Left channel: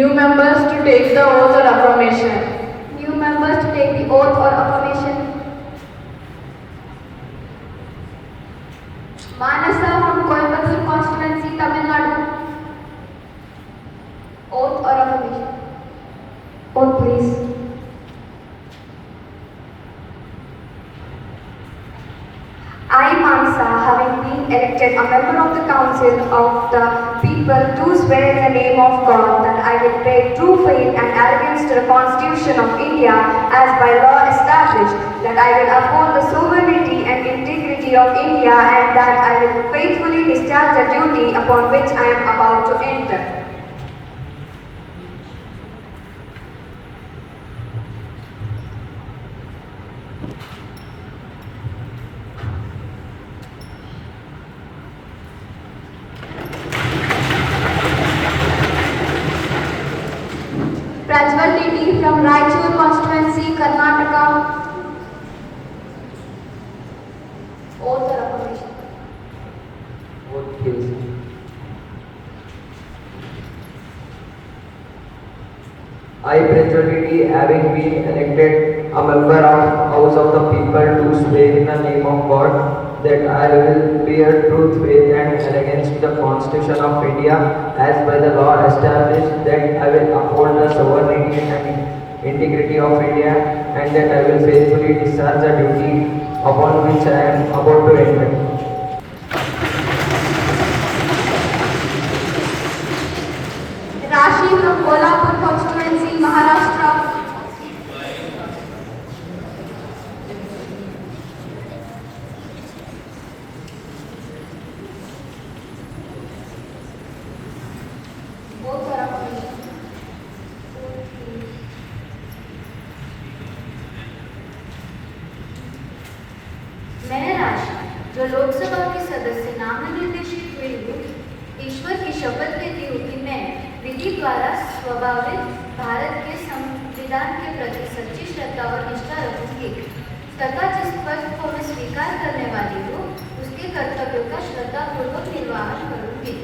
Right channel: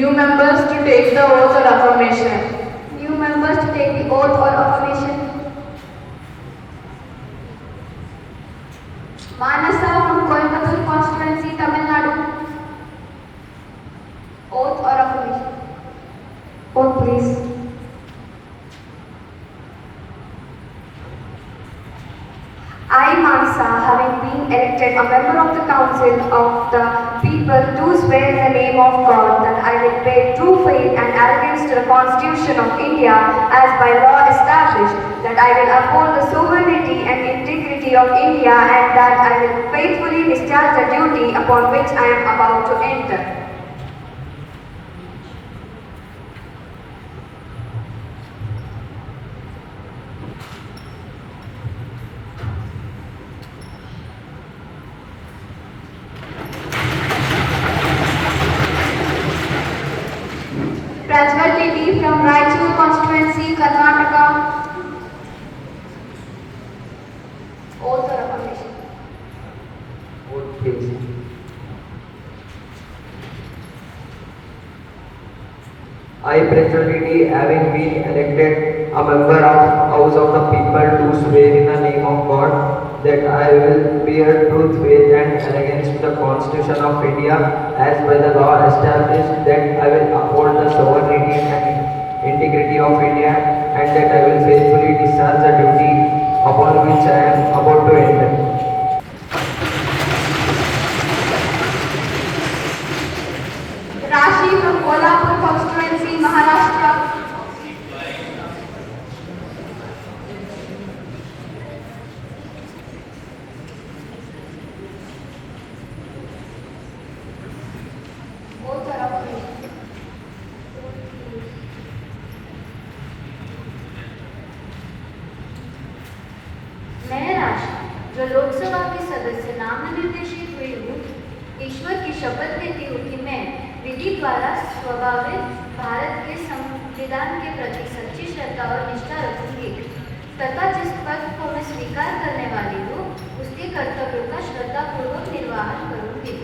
New members to take the oath or affirmation. New members to take the oath or affirmation. Manasa from Coimbatore constituency, Tamil Nadu. Oath or affirmation. Oath, please. I, Manasa, having been elected a member of the Council of the People, do swear in the name of God that I will bear true faith and allegiance to the Constitution of India as by law established, that I will uphold the sovereignty and integrity of India, and that I will faithfully discharge the duty upon which I am about to enter. Prajwal Devi from Raichur constituency, Karnataka. Oath or affirmation. Oath, please. I, Prajwal Devi, having been elected a member of House of the People, do swear in the name of God that I will bear truth, faith, and allegiance to the Constitution of India as by the law established, that I will uphold the sovereignty and integrity of India, and that I will faithfully discharge the duty upon which I am about to enter. Rashi from Kolhapur constituency, Maharashtra. Oath or affirmation. मैं राशि जो लोकसभा के सदस्य नामनिर्देशित हुई हूँ, ईश्वर की शपथ लेती हूँ कि मैं विधि द्वारा स्वभावित भारत के संविधान के प्रति सच्ची श्रद्धा और निष्ठा रखूंगी तथा जिस पद को मैं स्वीकार करने वाली हूँ उसके कर्तव्यों का श्रद्धापूर्वक निर्वहन करूंगी।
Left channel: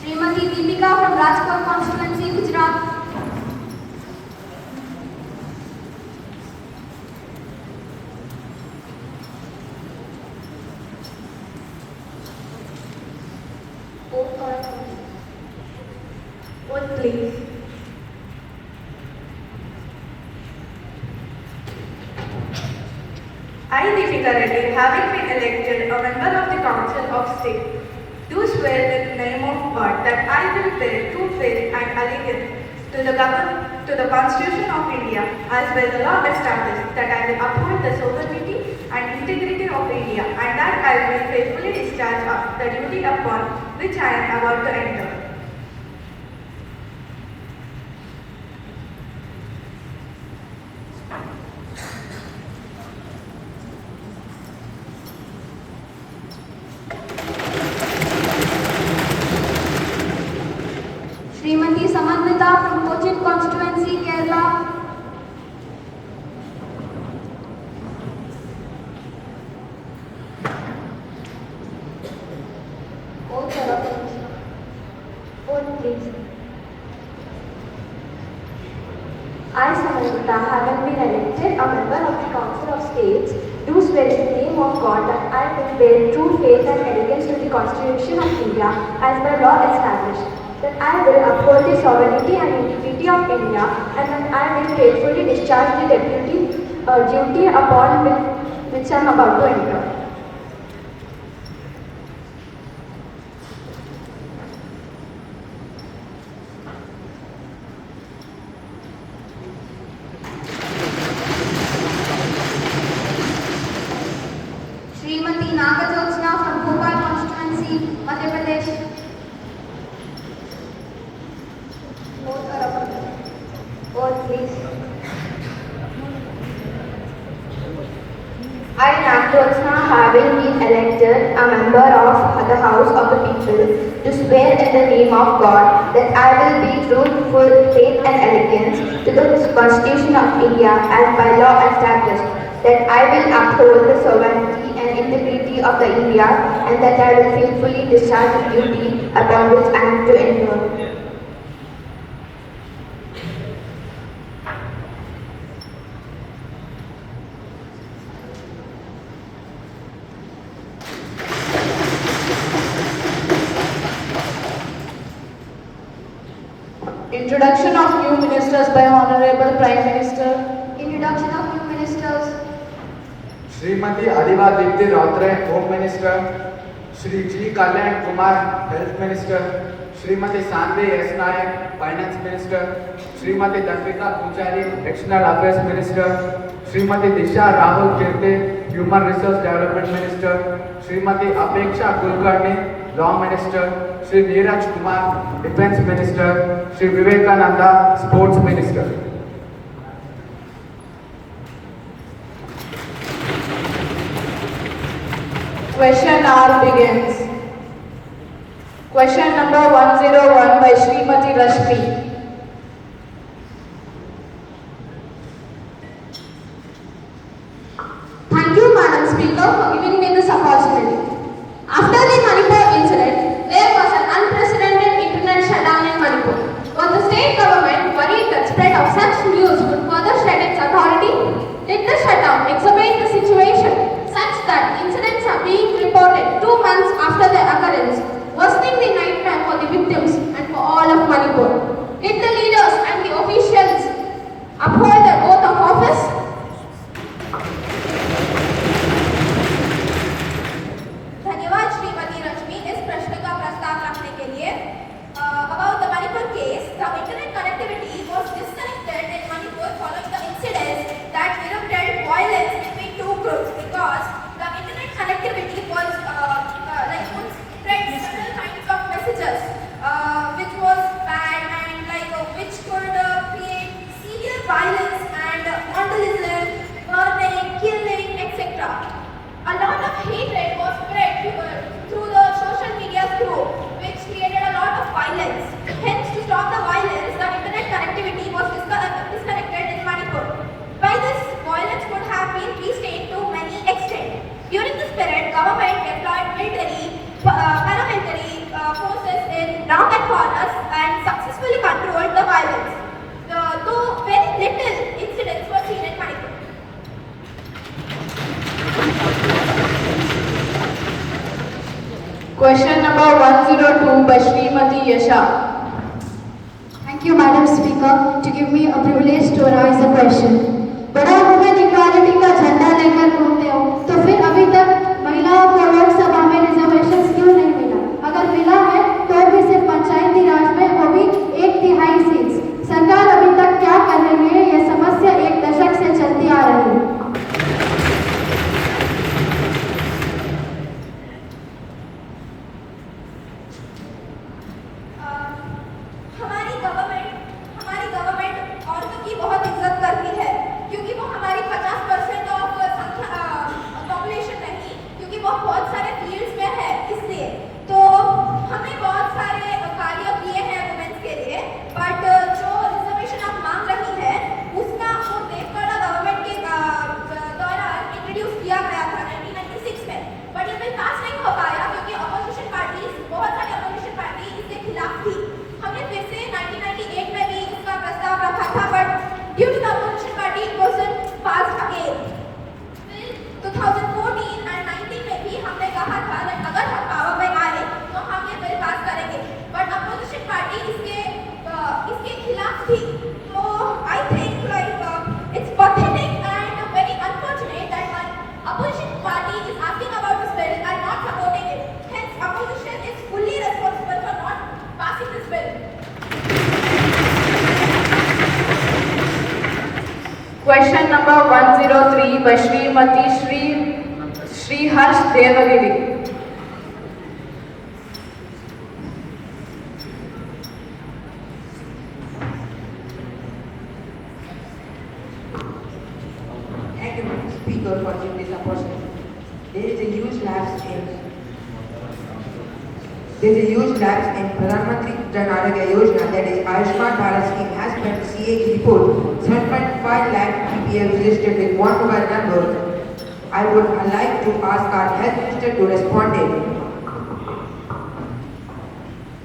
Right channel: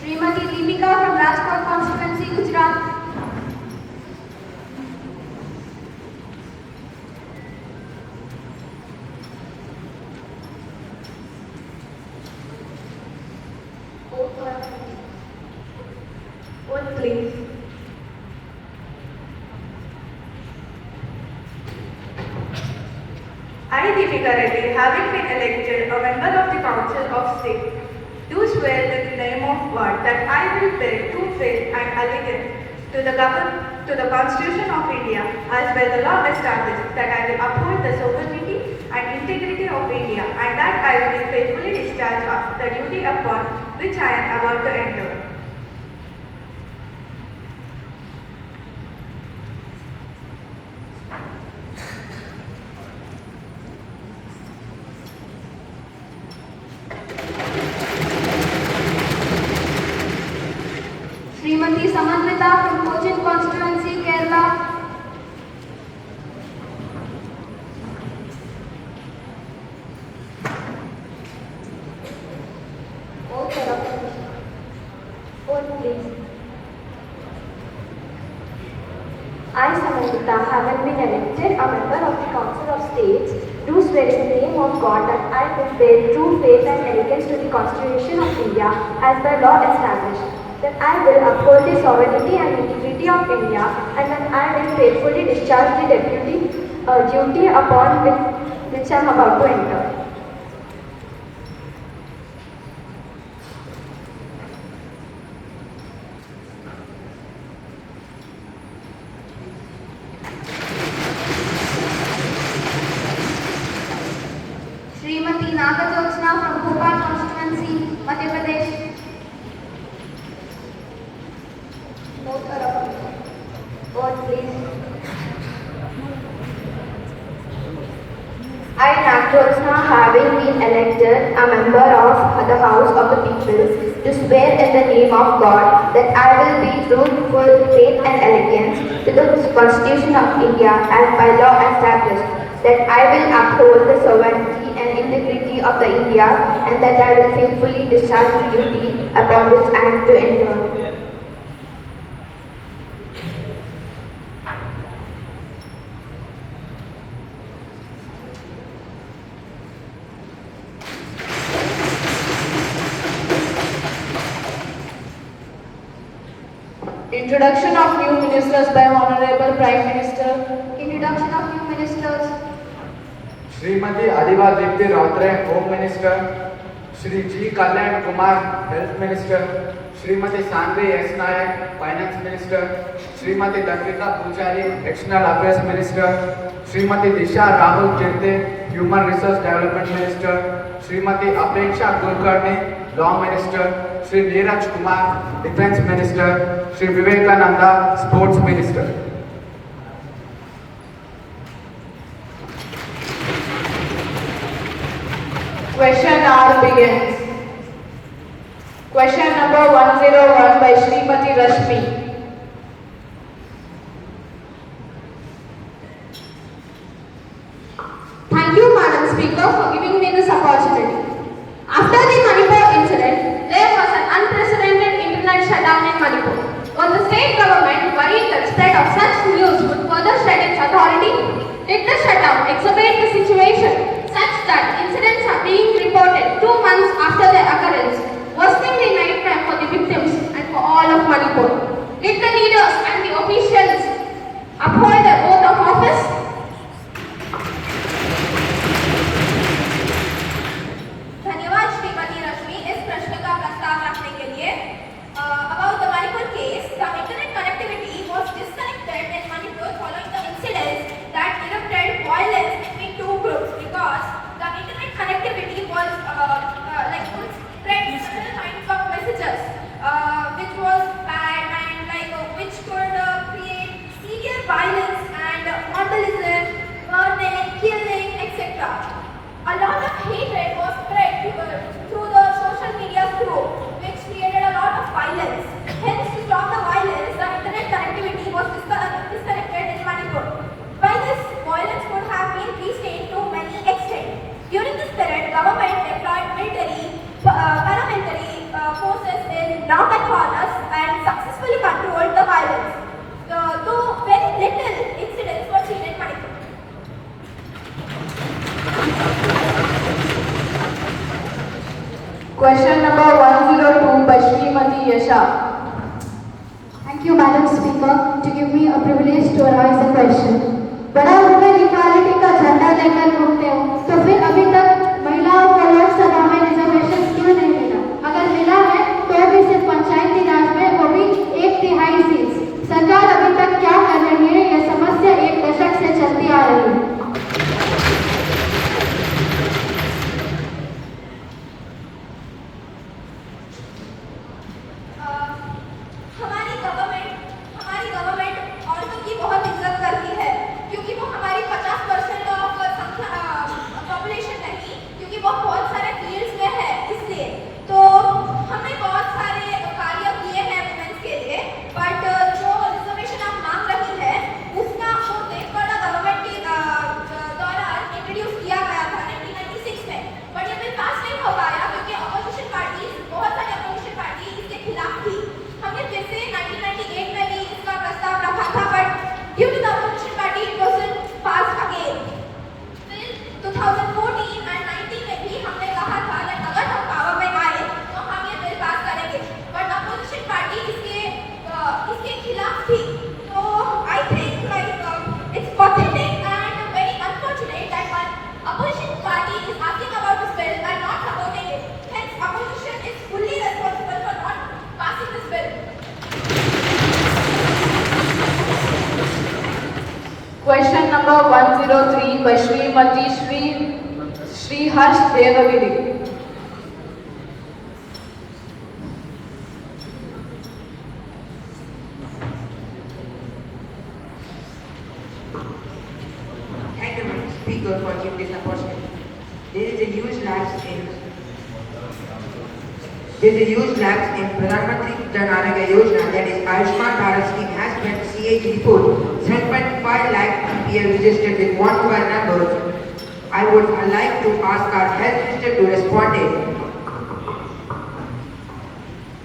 Srimati Deepika from Rajkot constituency, Gujarat. Oath, please. I, Deepika Reddy, having been elected a member of the Council of State, do swear in the name of God that I will bear true faith and allegiance to the Constitution of India as by the law established, that I will uphold the sovereignty and integrity of India, and that I will faithfully discharge the duty upon which I am about to enter. Srimati Samanvita from Cochin constituency, Kerala. Oath or affirmation. Oath, please. I, Samanvita, having been elected a member of the Council of States, do swear in the name of God that I will bear true faith and allegiance to the Constitution of India as by law established, that I will uphold the sovereignty and integrity of India, and that I will faithfully discharge the duty upon which I am about to enter. Srimati Nagarjuna from Bhopal constituency, Madhya Pradesh. Oath, please. I, Jyotsna, having been elected a member of the House of the People, do swear in the name of God that I will be true, full faith and allegiance to the Constitution of India as by law established, that I will uphold the sovereignty and integrity of the India, and that I will faithfully discharge the duty upon which I am to enter. Introduction of new ministers by Honorable Prime Minister. Introduction of new ministers. Shrimati Adiva Deepti Routray home minister, Shri G Kalyan Kumar health minister, Shrimati Sandhvi S Nayak finance minister, Shrimati Dampika Pujari external affairs minister, Shrimati Disha Rahul Chirte human resource development minister, श्रीमती अपेक्षा कुलकर्णी law minister, Shri Neeraj Kumar defence minister, Shri Vivekananda sports minister. Question hour begins. Question number 101 by Srimati Rashmi. Thank you, Madam Speaker, for giving me this opportunity. After the Manipur incident, there was an unprecedented internet shutdown in Manipur. Was the state government worried that spread of such news would further strengthen its authority? Did the shutdown exacerbate the situation such that incidents are being reported 2 months after their occurrence, worsening the nightmare for the victims and for all of Manipur? Did the leaders and the officials uphold their oath of office? धन्यवाद श्रीमती रश्मि इस प्रश्न का प्रस्ताव रखने के लिए. About the Manipur case, the internet connectivity was disconnected in Manipur following the incidents that erupted violence between two groups because the internet connectivity was would spread several kinds of messages which was bad and which could create severe violence and vandalism, burning, killing, etc. A lot of hatred was spread through the social media through, which created a lot of violence. Hence, to stop the violence, the internet connectivity was disconnected in Manipur. While this violence could have been restrained to many extent, during this period, government deployed military, paramilitary forces in downtown corners and successfully controlled the violence. Though very little incidents were seen in Manipur. Question number 102 by Srimati Yasha. Thank you, Madam Speaker, to give me a privilege to raise a question. बड़ा women equality का झंडा लेकर घूमते हो, तो फिर अभी तक महिलाओं को लोकसभा में रिजर्वेशन क्यों नहीं मिला? अगर मिला है तो भी सिर्फ पंचायती राज में, वो भी 1/3 सीट्स. सरकार अभी तक क्या कर रही है? ये समस्या 1 दशक से चलती आ रही है. हमारी गवर्नमेंट औरतों की बहुत इज्जत करती है क्योंकि वो हमारी 50% ऑफ पॉपुलेशन नहीं, क्योंकि वो बहुत सारे फील्ड्स में है, इसलिए तो हमने बहुत सारे कार्य किए हैं वुमेन्स के लिए. बट जो रिजर्वेशन आप मांग रही है उसका वो देवगढ़ गवर्नमेंट के दौरान इंट्रोड्यूस किया गया था 1996 में, बट ये बिल पास नहीं हो पाया क्योंकि अपोजिशन पार्टी, बहुत सारी अपोजिशन पार्टी इसके खिलाफ थी. हमने फिर से 1998 में भी इसका प्रस्ताव रखा था, but due to the opposition party it wasn't passed again. फिर 2014 एंड 19 में भी हमने कहा था कि अगर हम पावर में आए तो हम ये बिल पास करेंगे, बट अपोजिशन पार्टी इसके खिलाफ थी. तो I think it's pathetic and very unfortunate that one opposition party is asking about this bill and not supporting it. Hence, opposition is fully responsible for not passing this bill. Question number 103 by Srimati Shri Harsh Devagiri. Thank you, Speaker, for giving this opportunity. There is a huge lapse in Pradhan Mantri Jan Arogya Yojana, that is Ayushman Bharat scheme, has spent CAG report 7.5 lakh people registered with one mobile number. I would like to ask our health minister to respond it.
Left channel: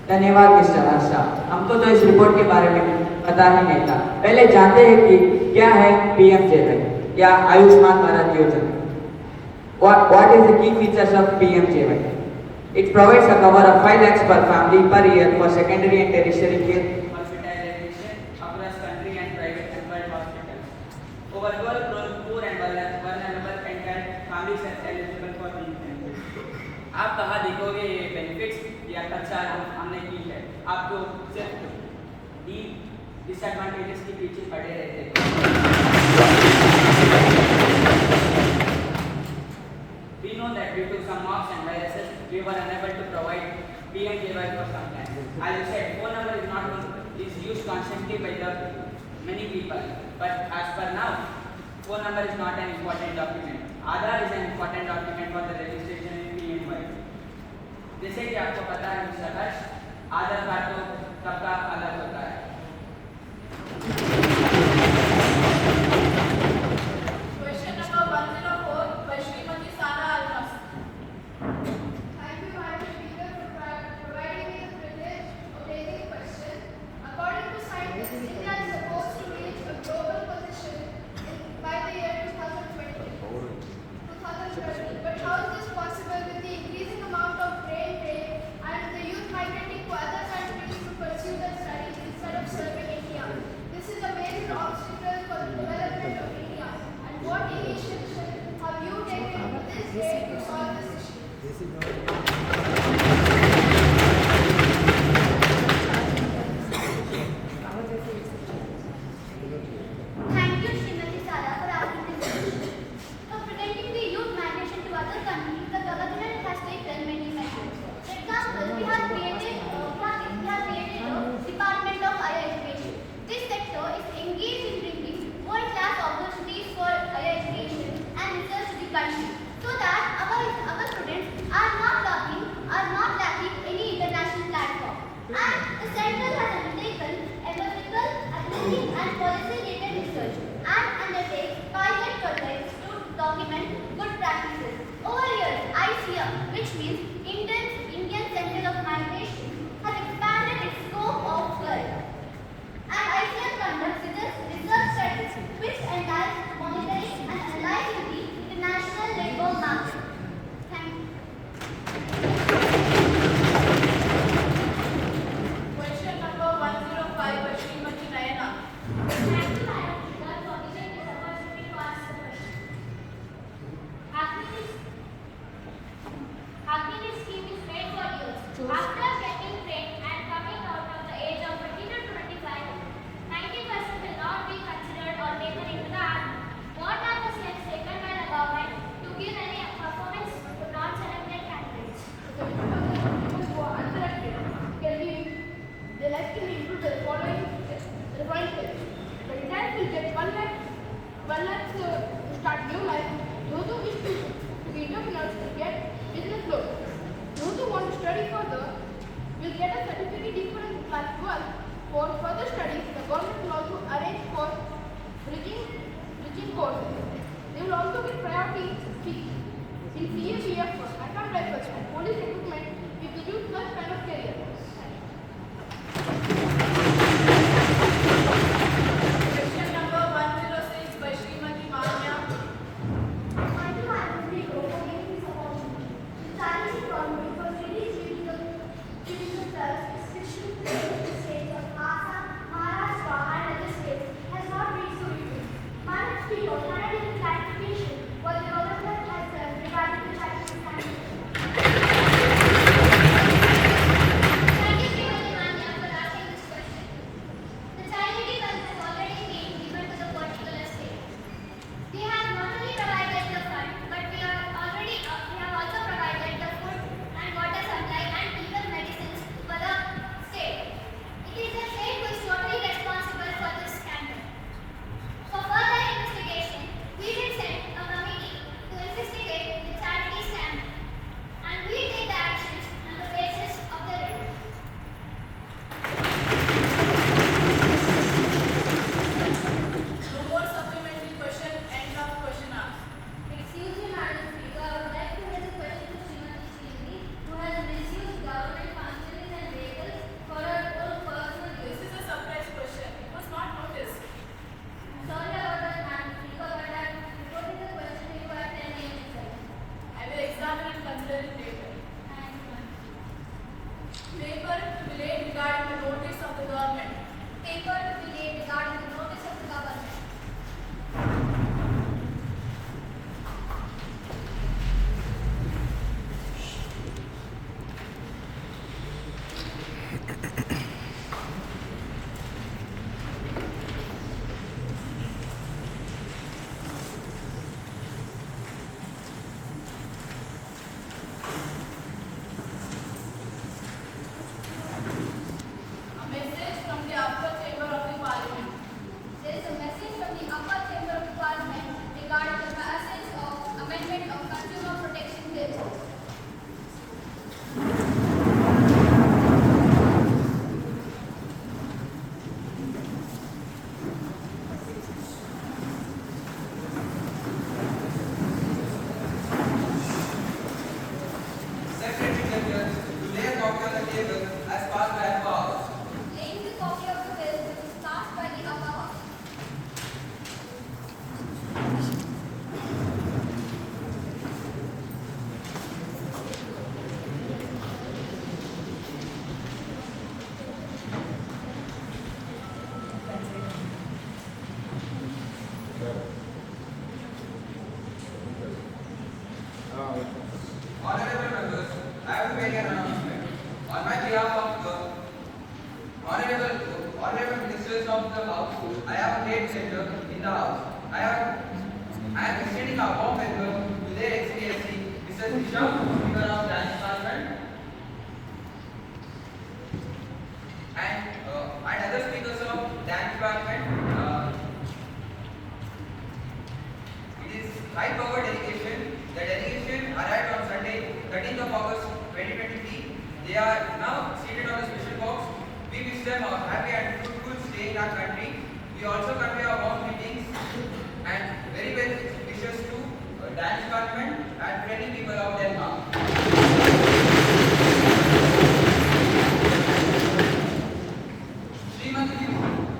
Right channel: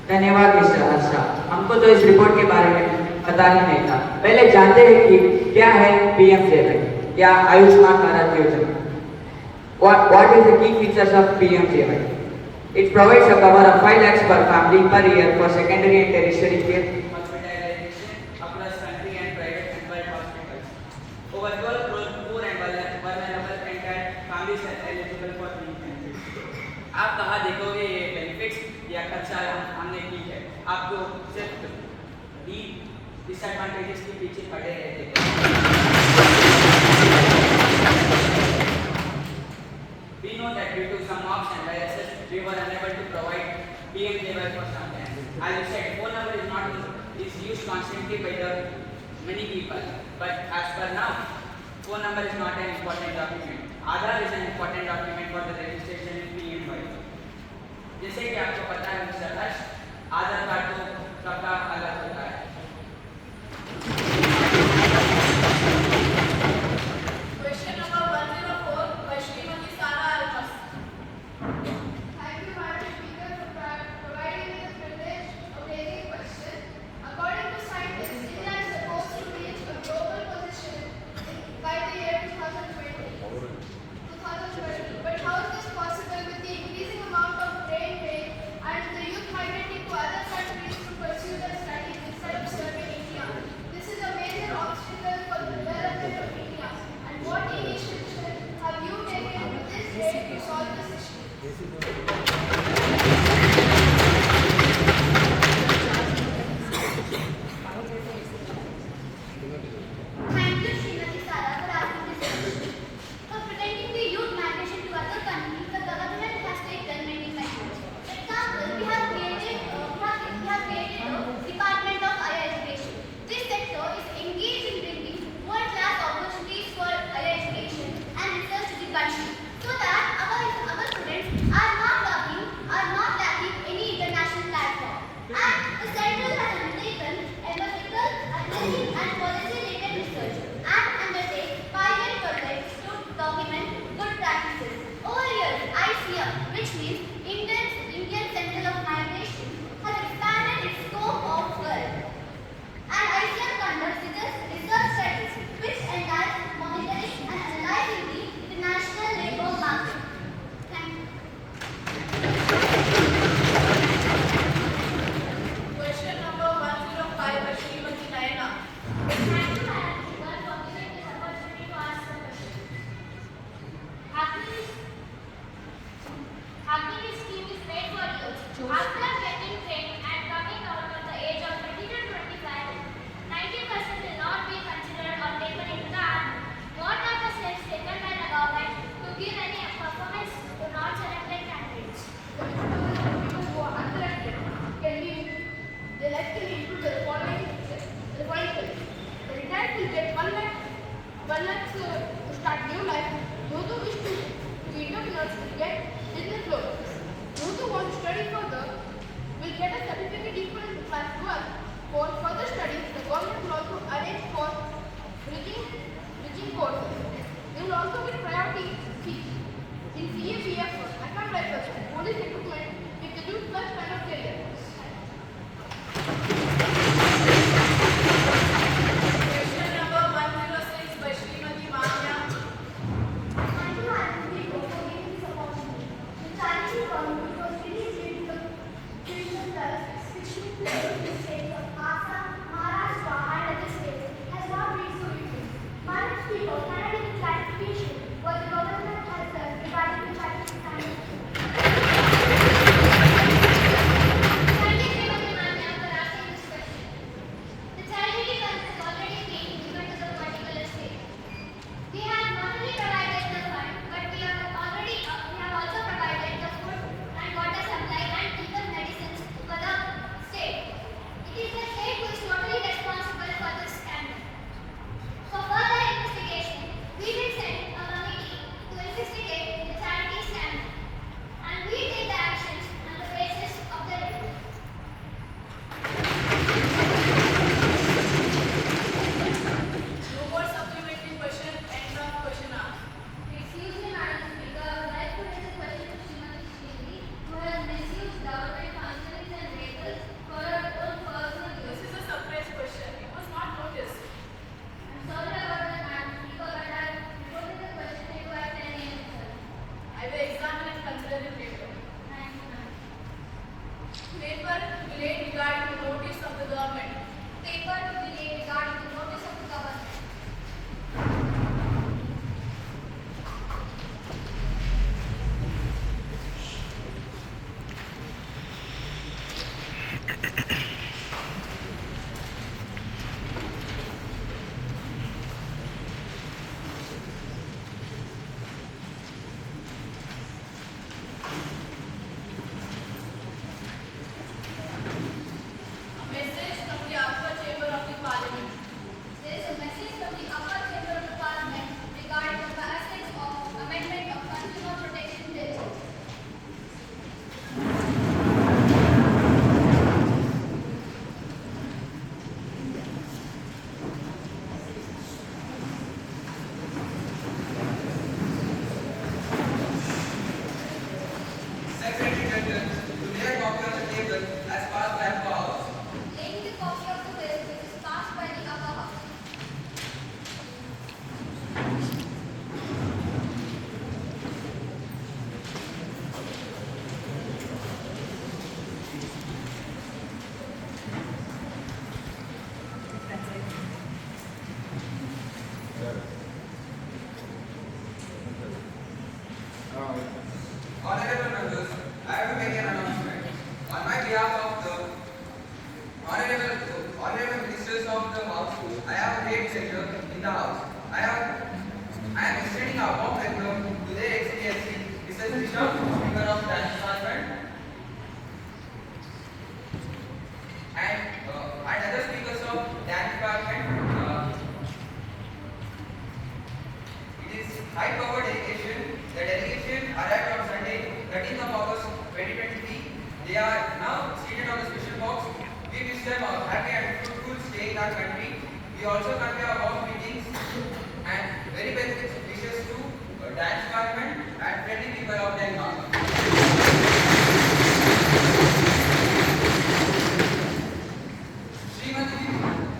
धन्यवाद mister Harsha. हमको तो इस report के बारे में पता ही नहीं था। पहले जानते हैं कि क्या है पीएमजेवाई या आयुष्मान भारत योजना। What is the key features of PMJY? It provides a cover of 5 lakhs per family per year for secondary and tertiary care hospitalization across country and private and public hospitals. Over 12 crore poor and vulnerable and families are eligible for these benefits. आप कहाँ देखोगे ये benefits या खर्चा हमने की है? आपको सिर्फ डिसएडवांटेजेस के पीछे पड़े रहते हैं। We know that due to some mobs and viruses, we were unable to provide PMJY for some time. As you said, phone number is used constantly by the many people. But as per now, phone number is not an important document. Aadhaar is an important document for the registration in PMJY. जैसे कि आपको पता है mister हर्ष, आधार card तो सबका अलग होता है। Question number 104 by Srimati Sara Almas. Thank you, Madam Speaker, for providing me the privilege of raising a question. According to scientists, India is supposed to reach a global position by the year 2020. But how is this possible with the increasing amount of brain drain and the youth migrating to other countries to pursue their studies instead of serving India? This is a major obstacle for the development of India. And what initiative have you taken to this date to solve this issue? Thank you, Srimati Sara, for asking this question. For preventing the youth migration to other countries, the government has taken many measures. For example, we have created a Department of Higher Education. This sector is engaged in bringing world-class opportunities for higher education and research to the country, so that our students are not lacking any international platform. And the central has undertaken ethical, athletic, and policy-related research and undertakes pilot projects to document good practices. Over years, ICM, which means Indian Center of Migration, has expanded its scope of work. And ICM conducts research studies which entails monitoring and analyzing the international labor market. Thank you. Question number 105 by Srimati Nayana. Thank you, Madam Speaker, for giving this opportunity to ask the question. Acne scheme is made for youth. After getting trained and coming out of the age of 20 to 25, 90% will not be considered or taken into the army. What are the steps taken by the government to give any performance to non-selected candidates? People who are unselected can be, their life can be improved by the following steps. The retired will get 1 lakh to start new life. Those who wish to be entrepreneurs will get business loans. Those who want to study further will get a certificate equivalent to class 12. For further studies, the government will also arrange for bridging courses. They will also get priority seats in CAPF, account rifles, and police recruitment if they do such kind of career. Question number 106 by Srimati Manya. Thank you, Madam Speaker, for giving this opportunity. The challenge economy was really critical floods which took place in the states of Assam, Maharashtra, and other states has not been so easy. Madam Speaker, can I get a clarification what the government has done regarding the Chinese standard? Honorable members, I have to make an announcement. On my behalf of the honorable ministers of the House, I have a great pleasure in the House. I am extending a warm welcome to their Excellency, Mr. Bishop, Speaker of Dance Department, and other speakers of Dance Department. It is high power delegation. The delegation arrived on Sunday, 13th of August 2023. They are now seated on a special box. We wish them a happy and fruitful stay in our country. We also convey our warm greetings and very best wishes to Dance Department and friendly people of Delhi. Srimati,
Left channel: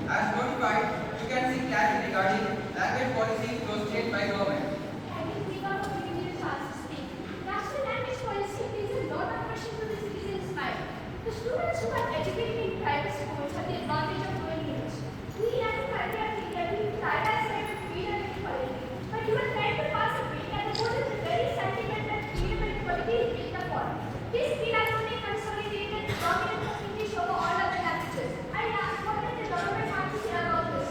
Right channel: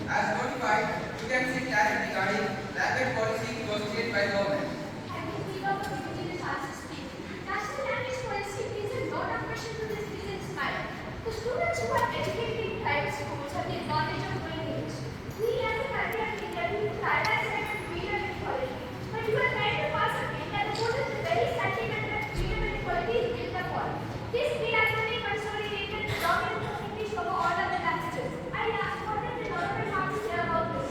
as notified, you can see class regarding language policy proposed by government. I will give up for you the chance to speak. National language policy brings a lot of questions to this citizens' mind. The students who are educated in private schools have the advantage of knowing English. We as a country are developing prioritize freedom and equality. But you are trying to pass a bill that opposes the very sentiment that freedom and equality is built upon. This bill has only consolidated the dominance of English over all other languages. I ask, what does the government have to say about this?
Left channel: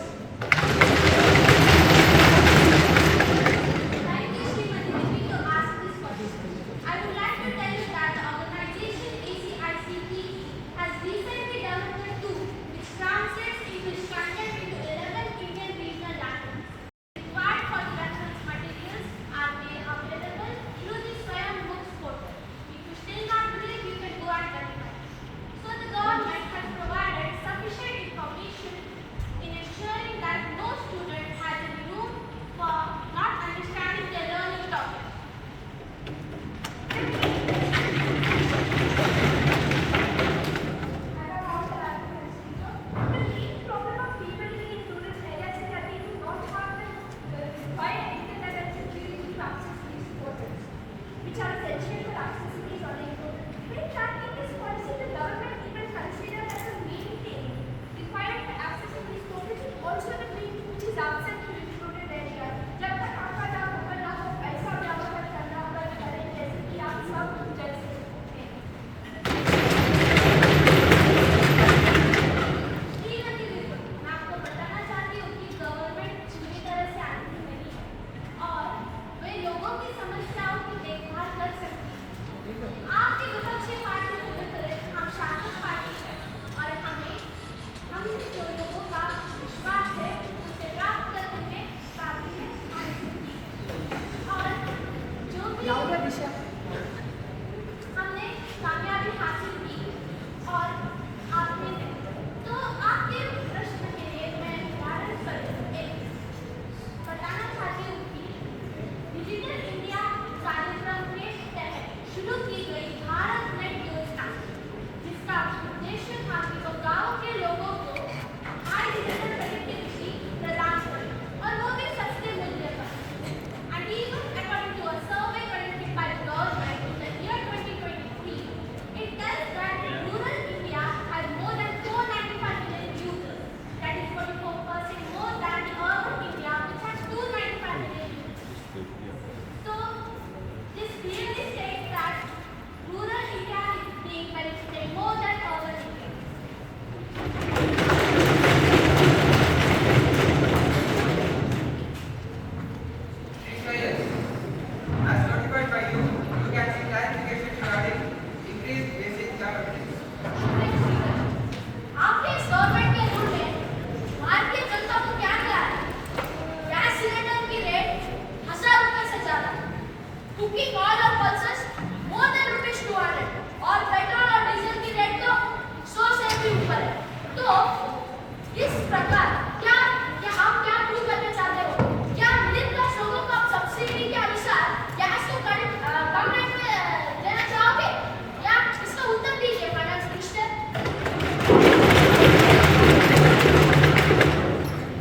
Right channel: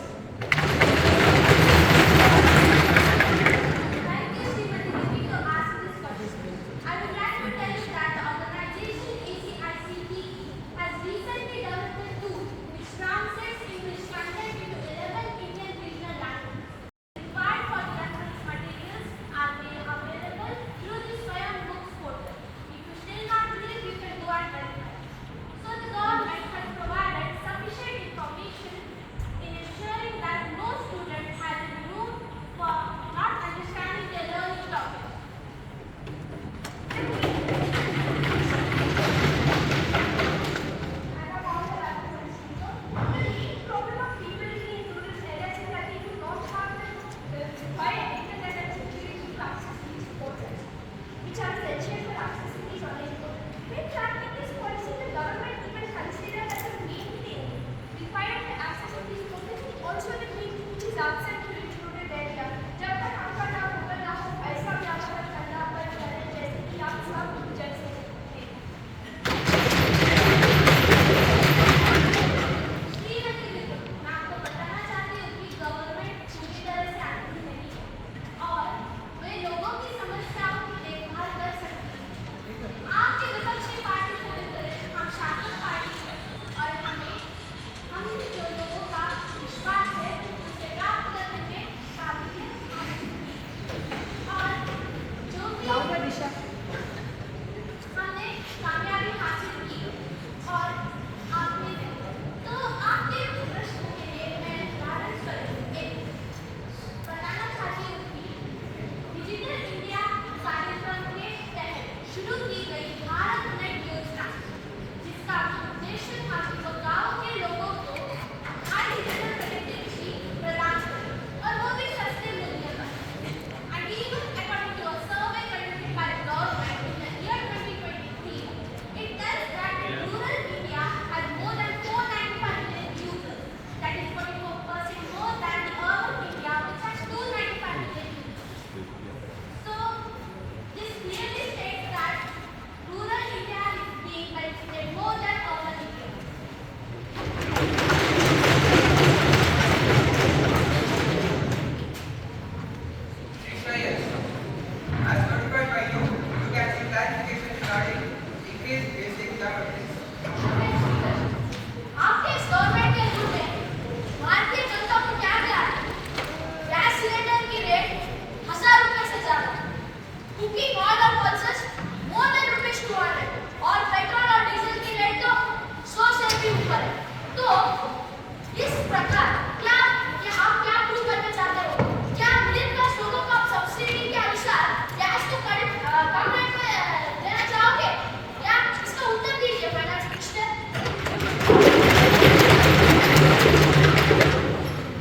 Thank you, Srimati Devi, to ask this question. I would like to tell you that the organization ACICPE has recently developed a tool which translates English content into 11 Indian regional languages. Required for the reference materials are made available through the Swayam Books portal. If you still not believe, you can go and verify. So the government has provided sufficient information in ensuring that no student has any room for not understanding their learning topic. I have also like to mention, the main problem of people living in rural areas is that they do not have the required internet and security to access these portals, which are essential for accessing these online portals. When tracking this policy, the government even considered as a main thing required for accessing these portals and also the main thing which is absent to included area. जब तक आपका ना होगा ना हो ऐसा व्यवहार करना पर करें जैसे कि आप सब जज सकते हैं। श्रीमती विद्या, मैं आपको बताना चाहती हूँ कि गवर्नमेंट पूरी तरह से आंधी नहीं है और वे लोगों की समस्याओं की देखभाल कर सकती है। आपकी विपक्षी पार्टी को तरह हम शासक पार्टी है और हम जो लोगों का विश्वास है उसे प्राप्त करने में काबिलियत हासिल की और जो भी हमने कामयाबी हासिल की और आपने तो आपके प्रश्न के लिए मैं उदाहरण पर एक बताना चाहती हूँ कि डिजिटल इंडिया कार्यक्रम के तहत शुरू की गई भारत नेट योजना जिसका उद्देश्य था कि वो गाँव के लोगों को हाई डिजिटल कनेक्टिविटी प्रदान करें और वो भी सस्ते मूल्य पर। And even according to a survey conducted by the government in the year 2023, it tells that rural India has more than 495 million users. That is 44% more than the urban India, which has 295 million users. So, this clearly states that rural India is being benefited more than urban India. Yes. As notified by you, you can see clarification regarding increased basic services. आपके इस government के rule में भारतीय जनता को क्या मिला है? Gas cylinder की rate 1000 रुपए से ज्यादा, कुकिंग ऑयल और पल्सेस मोर देन ₹200 और पेट्रोल और डीजल की रेट तो 100 से भी ऊपर है। तो इस प्रकार क्या हम क्या प्रूव करना चाहते हो? क्या मिडिल क्लास लोगों को आप सब्सिडी के अनुसार गैस को कम रेट में देना चाहोगे? या इसका उत्तर दीजिए फाइनेंस मिनिस्टर।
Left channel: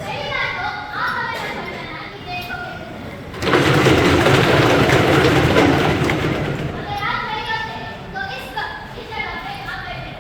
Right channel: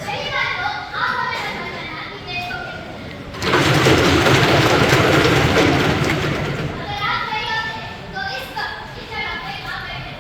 सही बात तो आप हमें बताना कि देखोगे अगर आप नहीं होते तो इस जगह पे आप बैठे।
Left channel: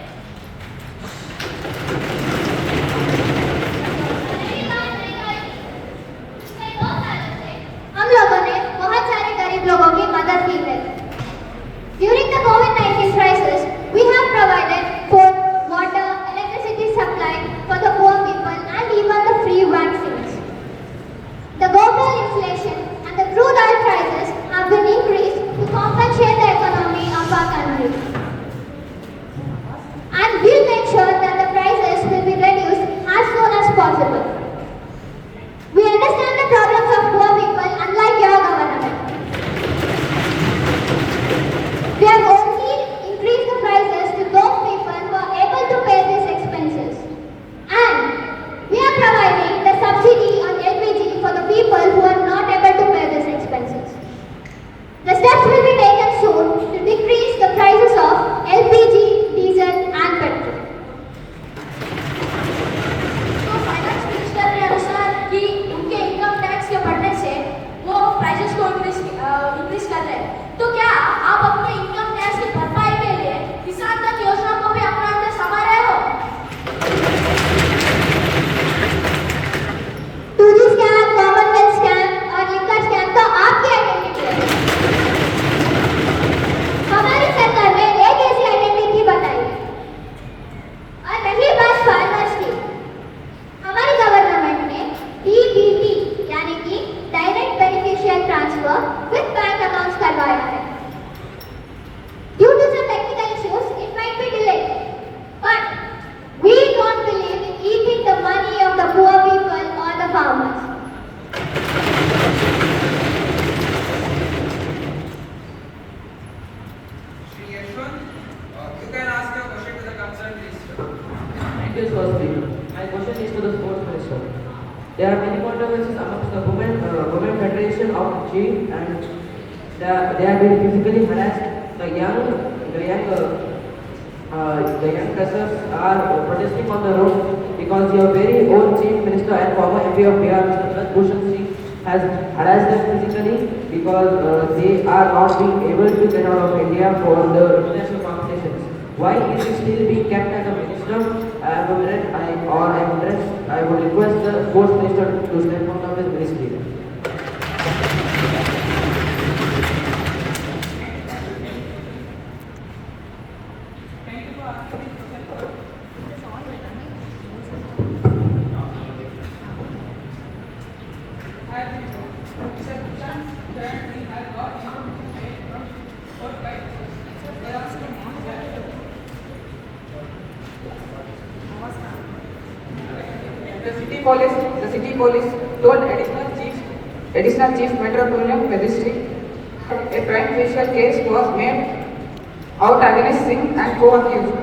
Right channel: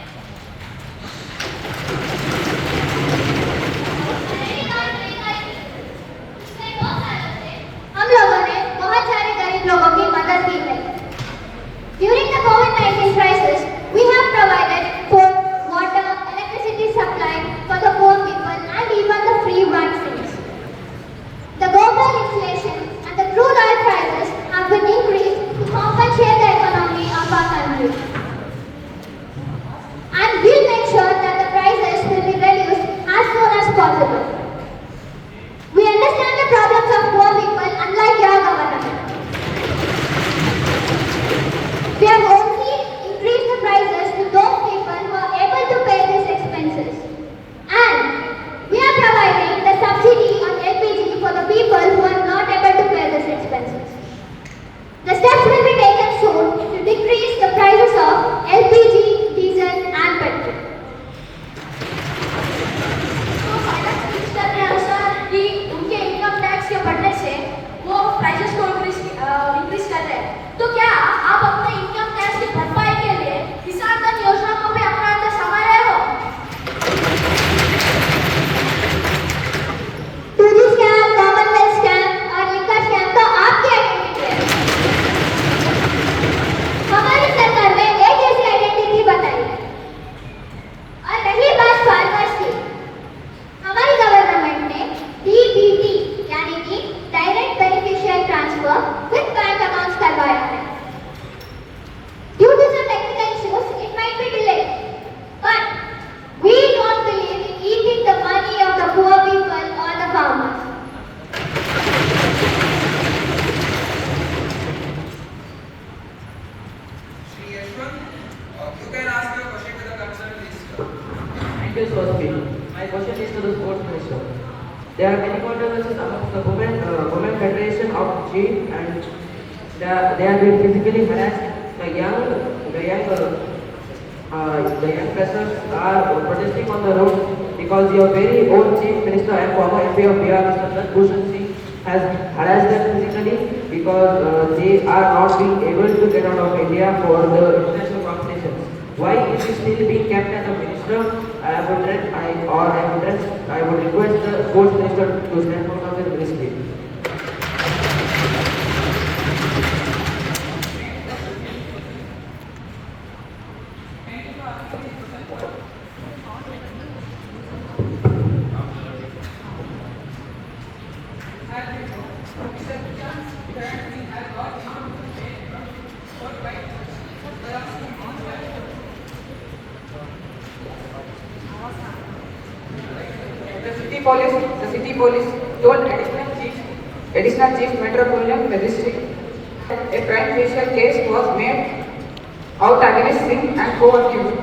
chief, and they have been physically harassed. The young persons are protesting on the road because your very own chief minister and former MP of Bihar, Mr. Bhushan Singh, has harassed them physically because they are not being able to get out of India for the international competitions. Why is he still being kept as a minister? I would request the sports minister to step out of his ministry. The city police told additional chief metropolitan magistrate a prime facial case was made out against Singh and co-accused.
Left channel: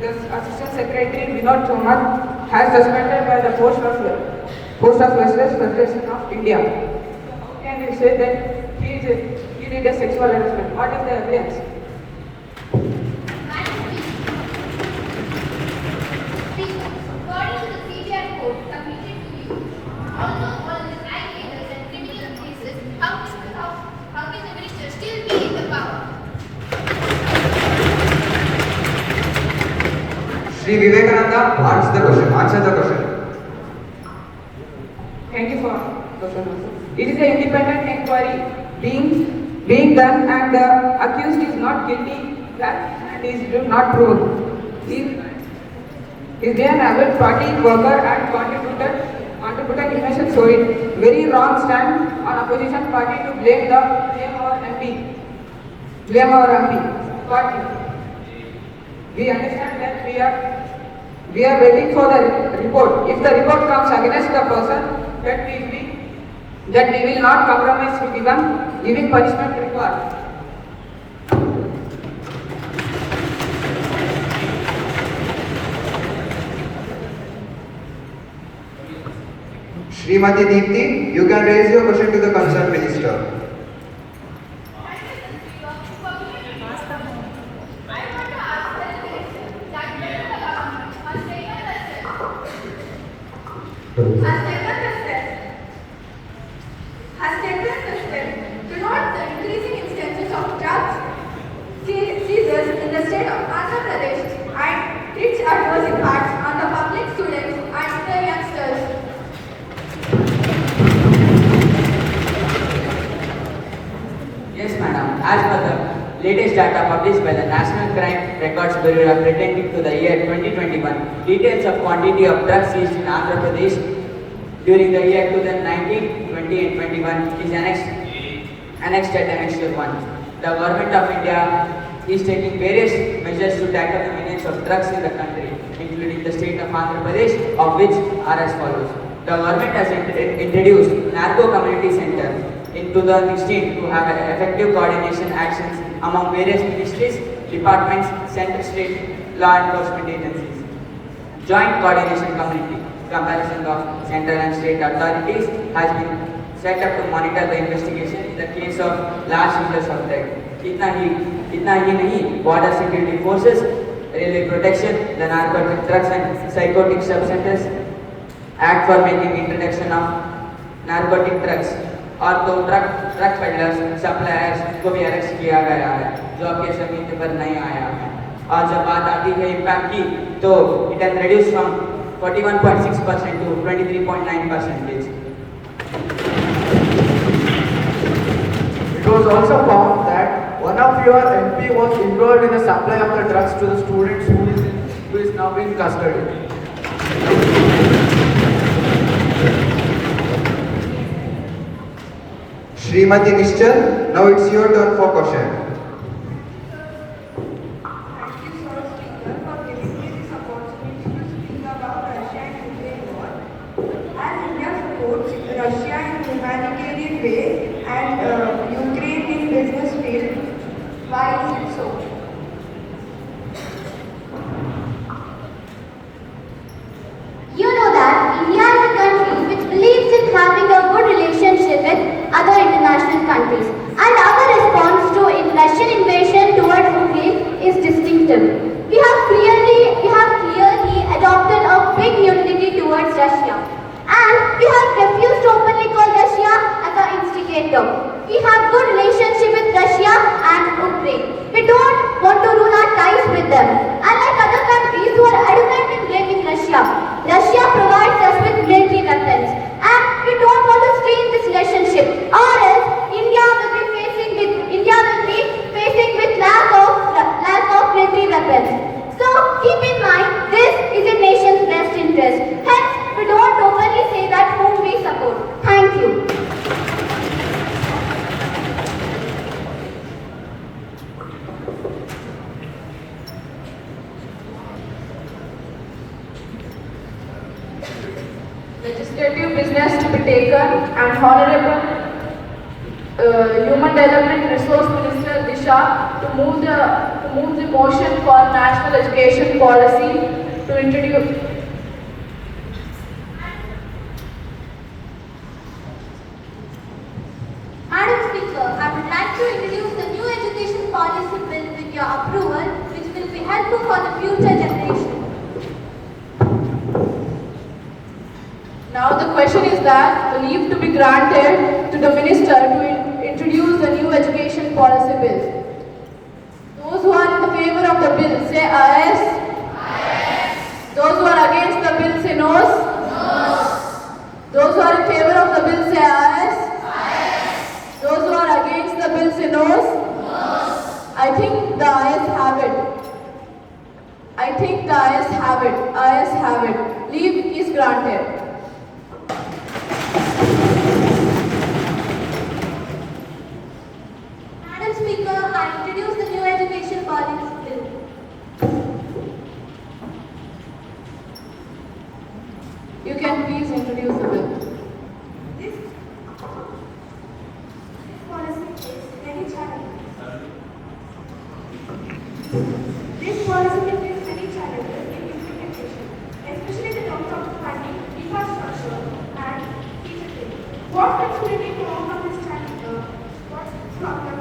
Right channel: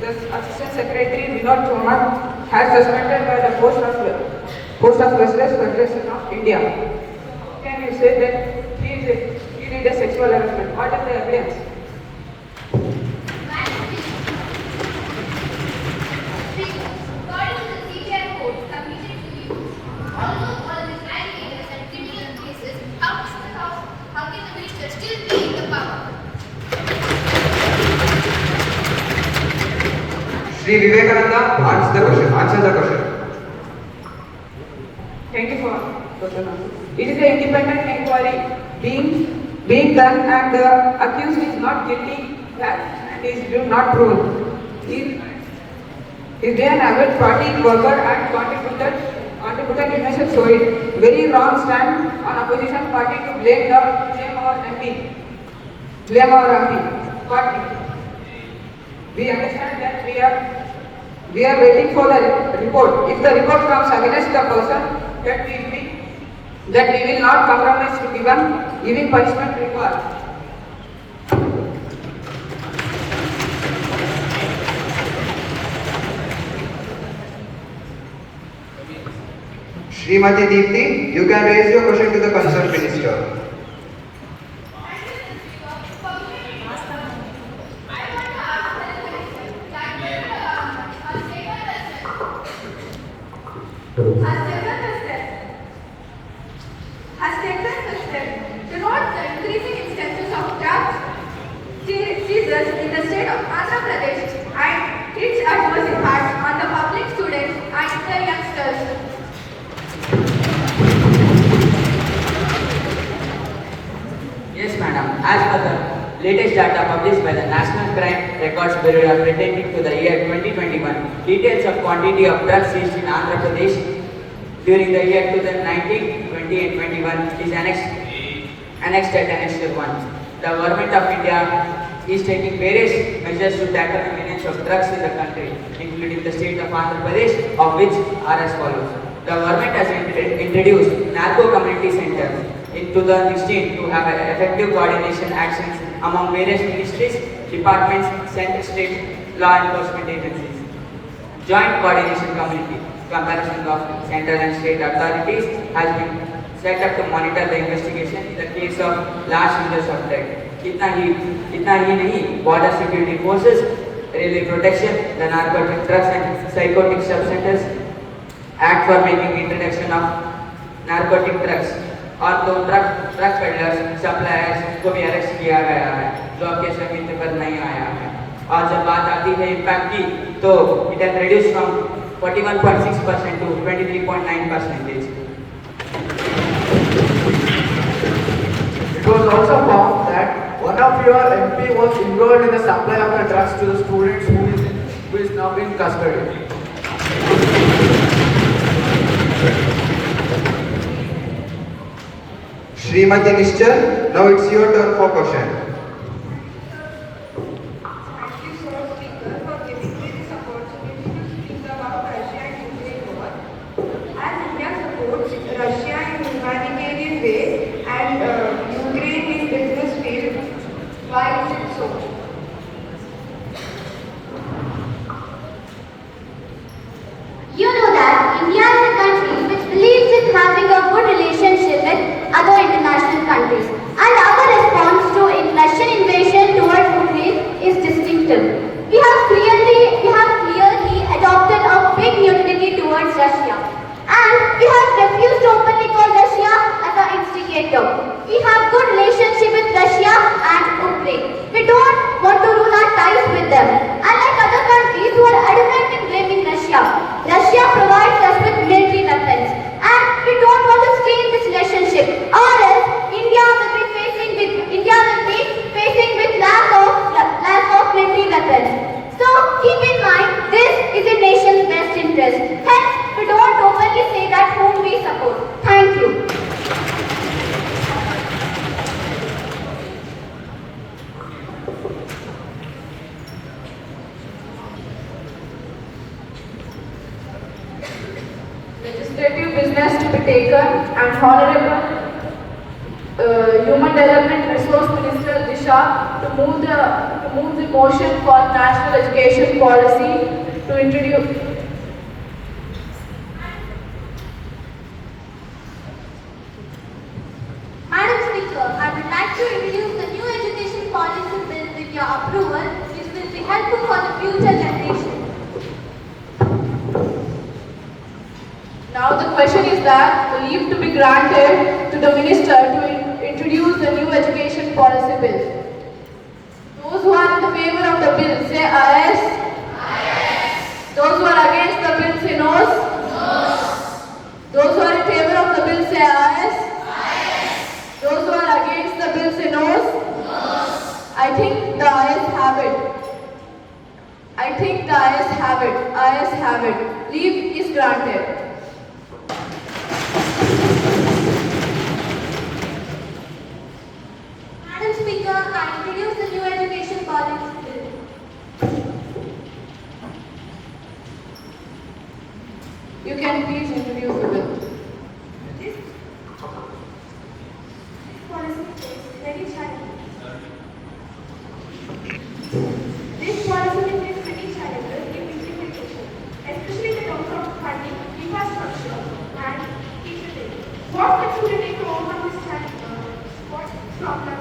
The assistant secretary Vinod Chauhan has suspended by the Post of Justice Federation of India. How can you say that he did a sexual harassment? What is the evidence? According to the CBI code submitted to you, although all these allegations and criminal cases, how can the minister still be in the power? Sri Vivekananda answers the question. Thank you for the question. It is an independent inquiry being done and the accused is not guilty and is not proven. Is there an average party worker and contributed information showing very wrong stand on opposition party to blame our MP. But we understand that we are waiting for the report. If the report comes against the person that we will not compromise with giving punishment required. Srimati Deepti, you can raise your question to the concerned minister. Has taken the step to note the increasing instances of drugs seizures in the state of Andhra Pradesh and its adverse impacts on the public, students and the youngsters. Yes, madam. As per the latest data published by the National Crime Records Bureau pertaining to the year 2021, details of quantity of drugs seized in Andhra Pradesh during the year 2019, 20 and 21 is annexed at Annex 1. The Government of India is taking various measures to tackle the menace of drugs in the country, including the state of Andhra Pradesh, of which are as follows. The government has introduced Narco Community Center in 2016 to have effective coordination actions among various ministries, departments, central state law enforcement agencies. Joint coordination committee comparison of central and state authorities has been set up to monitor the investigation in the case of large users of drug. इतना ही नहीं, border security forces, railway protection, the narcotic drugs and psychotic substances act for making introduction of narcotic drugs और तो drug peddlers suppliers को भी arrest किया गया है जो अब के समय में पर नहीं आया है। और जब बात आती है इम्पैक्ट की तो it has reduce from 41.6% to 23.9%. It was also found that one of your MP was involved in the supply of the drugs to the students who is now in custody. Srimati Nishchal, now it's your turn for question. Thank you, Sir Speaker, for giving me this opportunity to speak about Russia and Ukraine war. As India supports Russia in humanitarian ways and Ukraine in business field, why is it so? You know that India is a country which believes in having a good relationship with other international countries. And our response to Russian invasion towards Ukraine is distinctive. We have clearly adopted a big neutrality towards Russia. And we have refused to openly call Russia as the instigator. We have good relationship with Russia and Ukraine. We don't want to ruin our ties with them. Unlike other countries who are adamant in blaming Russia, Russia provides us with military weapons. And we don't want to strain this relationship. Or else India will be facing with lack of military weapons. So keep in mind, this is in nation's best interest. Hence, we don't openly say that whom we support. Thank you. Legislative business to be taken and Honorable Human Development Resource Minister Disha to move the motion for national education policy to introduce. Madam Speaker, I would like to introduce the new education policy bill with your approval, which will be helpful for the future generation. Now the question is that the leave to be granted to the minister to introduce the new education policy bill. Those who are in the favor of the bill say ayes. Ayes. Those who are against the bill say noes. Noes. Those who are in favor of the bill say ayes. Ayes. Those who are against the bill say noes. Noes. I think the ayes have it. I think the ayes have it. Ayes have it. Leave is granted. Madam Speaker, I introduce the new education policy bill. You can please introduce the bill. This policy is very challenging. This policy will face many challenges in implementation, especially in terms of funding, infrastructure, and teacher training. What steps will you take to overcome this challenge? What problem?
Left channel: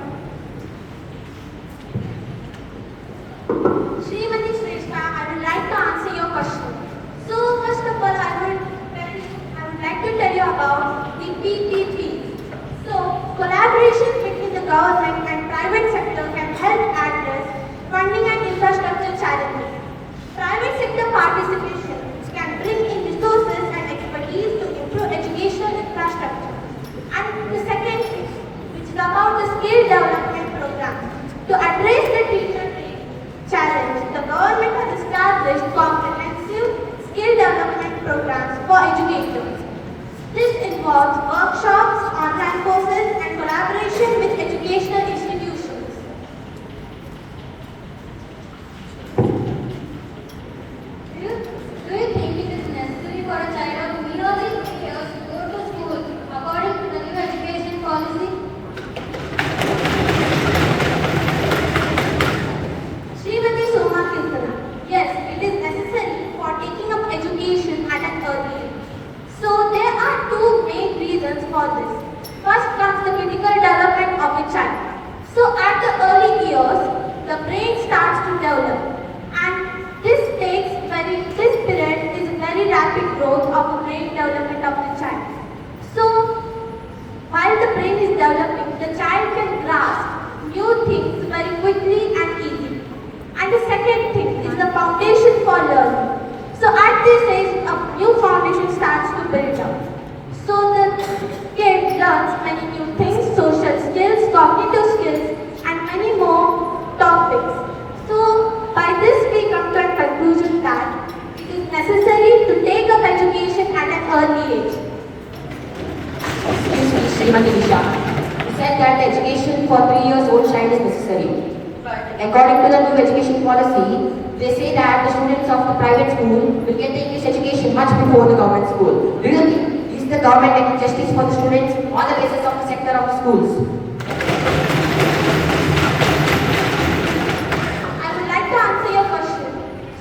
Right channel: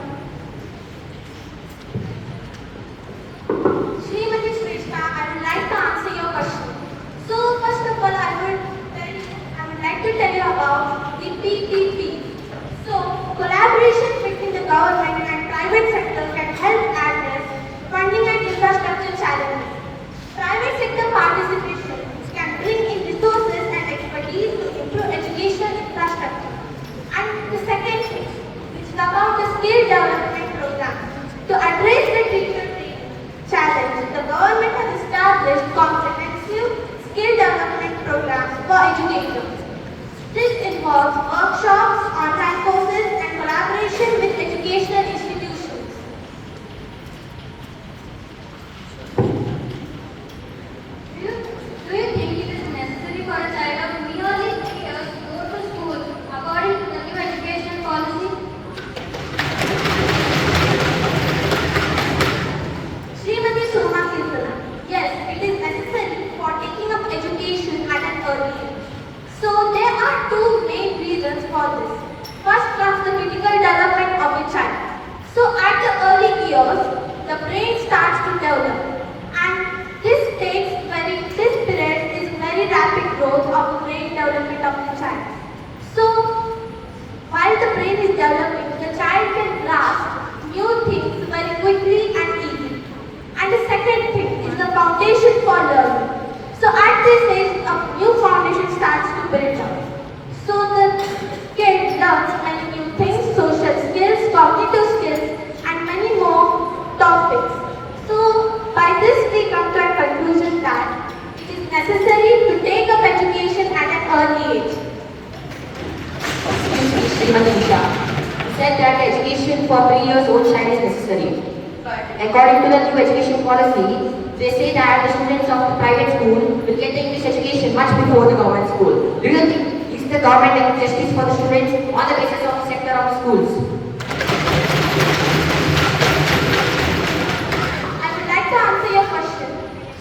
Srimati Shrestha, I would like to answer your question. So, first of all, I would like to tell you about the PPP. So, collaboration between the government and private sector can help address funding and infrastructure challenges. Private sector participation can bring in resources and expertise to improve educational infrastructure. And the second thing, which is about the skill development program. To address the teacher training challenge, the government has established comprehensive skill development programs for educators. This involves workshops, online courses, and collaboration with educational institutions. Do you think it is necessary for a child of merely 3 years to go to school according to the new education policy? Srimati Soma Kirtana. Yes, it is necessary for taking up education at an early age. So there are two main reasons for this. First comes the critical development of a child. So at the early years, the brain starts to develop. And this period is very rapid growth of the brain development of the child. So while the brain is developing, the child can grasp new things very quickly and easily. And the second thing is the foundation for learning. So at this age, a new foundation starts to build up. So the kid learns many new things, social skills, cognitive skills, and many more topics. So by this we come to a conclusion that it is necessary to take up education at an early age. Excuse me, Srimati Disha. You said that education for 3 years old child is necessary. According to the new education policy, they say that the students of the private school will get English education much before the government school. Do you think is the government doing justice for the students on the basis of the sector of the schools? I would like to answer your question.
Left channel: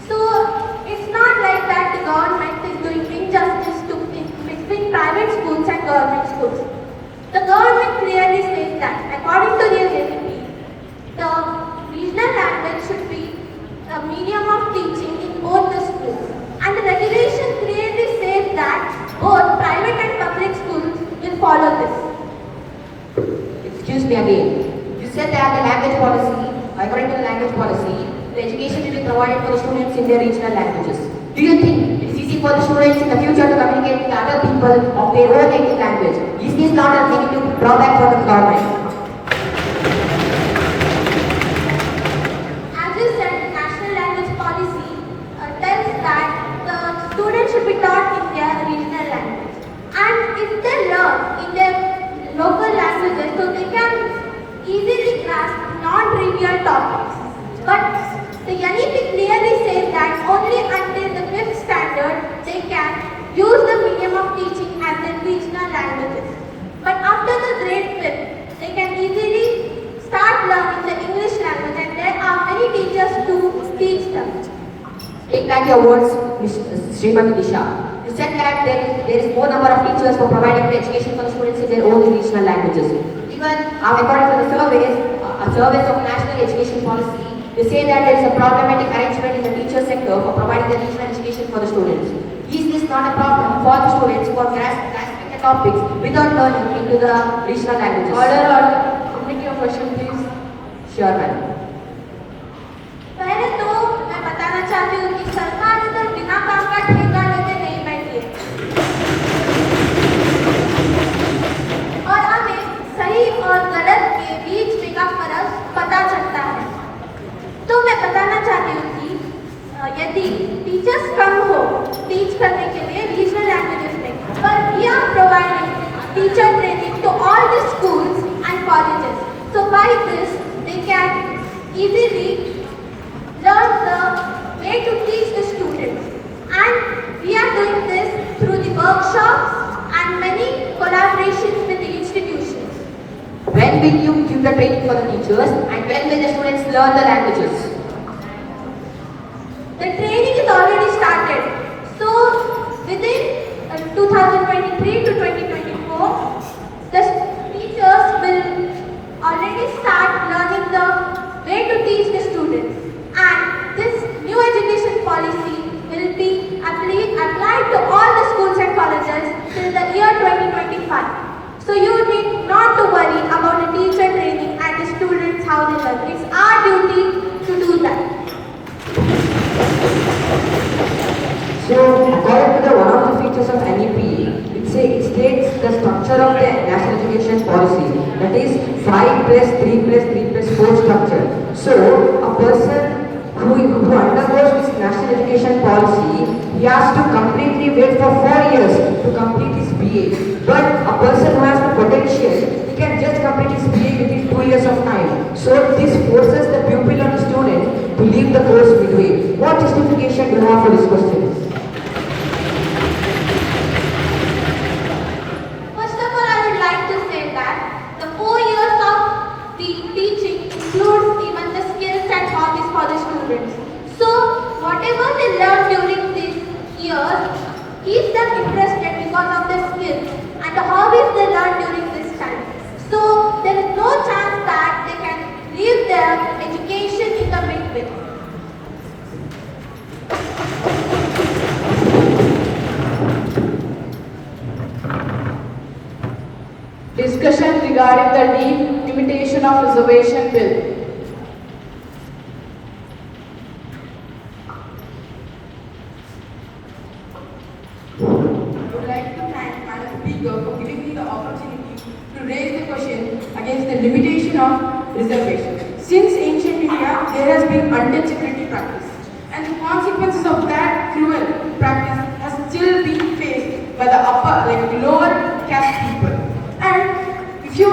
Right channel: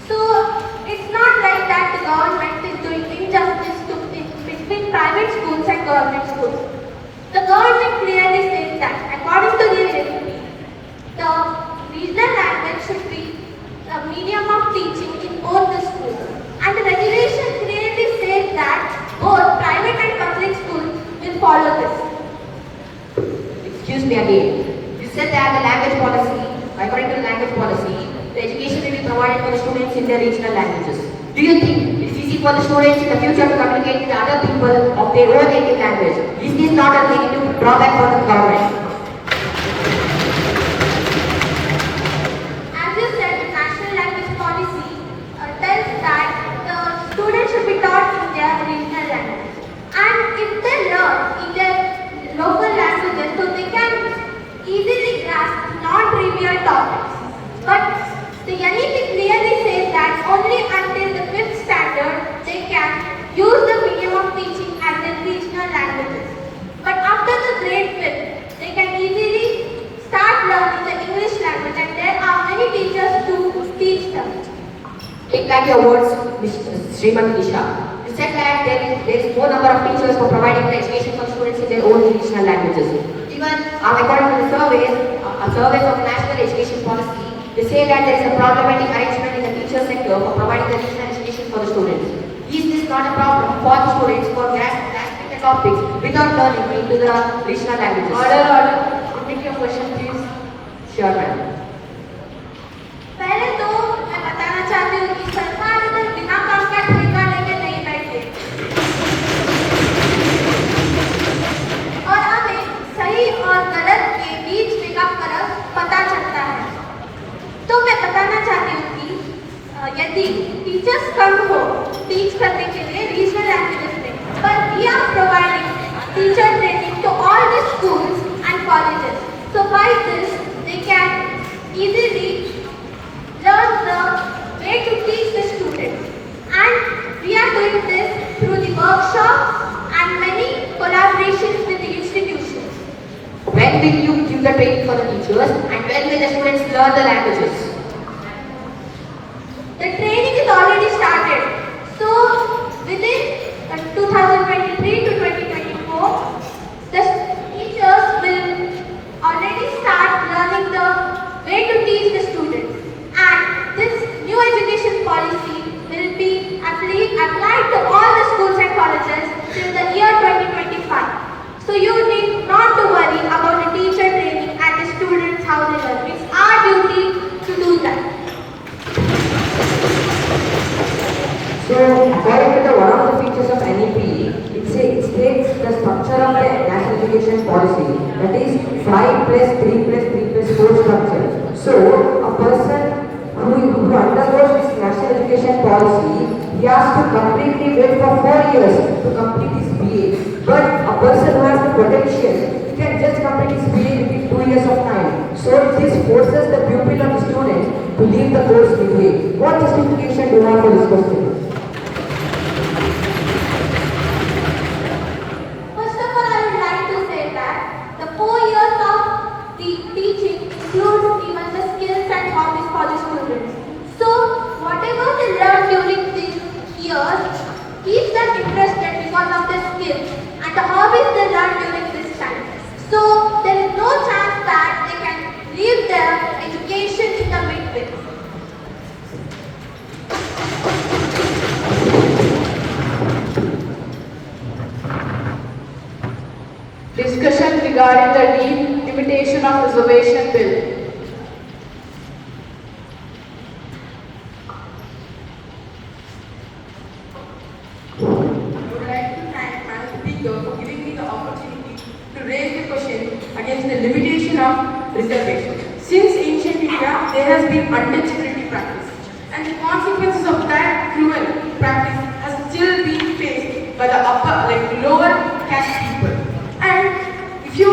So it's not like that the government is doing injustice between private schools and government schools. The government clearly says that institution they are in. You said that the language policy, according to the language policy, the education will be provided for the students in their regional languages. Do you think it is easy for the students in the future to communicate with other people of their own native language? Is this not a negative drawback for the government? As you said, the national language policy tells that the students should be taught in their regional language. And if they learn in their local languages, so they can easily grasp non-trivial topics. But the NEP clearly says that only until the 5th standard they can use the medium of teaching as in regional languages. But after the grade 5th, they can easily start learning the English language, and there are many teachers to teach them. Take back your words, Srimati Disha. You said that there is more number of teachers for providing the education for students in their own regional languages. Even according to the surveys of national education policy, they say that there is a problematic arrangement in the teacher sector for providing the regional education for the students. Is this not a problem for the students for grasping the topics without learning into the regional languages? Order. Take your question, please. Sure, ma'am. पहले तो मैं बताना चाहती हूँ कि सरकार इधर बिना काम का ठेका लेके नहीं बैठी है और हमें सही और गलत के बीच में का फर्क पता चलता है। तो मैं बताना चाहती हूँ कि यदि टीचर्स कम हो टीच करने के लिए रीजनल लैंग्वेजेस में, but we are providing teacher training to all the schools and colleges. So by this they can easily learn the way to teach the students, and we are doing this through the workshops and many collaborations with the institutions. When will you give the training for the teachers and when will the students learn the languages? The training is already started. So within 2023 to 2024, the teachers will already start learning the way to teach the students. And this new education policy will be applied to all the schools and colleges till the year 2025. So you need not to worry about the teacher training and the students how they learn. It's our duty to do that. So, according to the one of the features of NEP, it states the structure of the national education policy, that is 5 plus 3 plus 3 plus 4 structure. So, a person who undergoes this national education policy, he has to completely wait for 4 years to complete his BA. But a person who has the potential, he can just complete his BA within 2 years of time. So, this forces the pupil or the student to leave the course midway. What justification do you have for this question? First of all, I would like to say that the 4 years of the teaching includes even the skills and hobbies for the students. So, whatever they learn during these years keeps them interested because of the skills and the hobbies they learn during this time. So, there is no chance that they can leave their education in the midway. Discussion regarding the delimitation of reservation bill. I would like to thank Madam Speaker for giving me the opportunity to raise the question against the limitation of reservation. Since ancient India, there has been untouchability practice, and the consequences of that cruel practice has still been faced by the lower caste people. And if you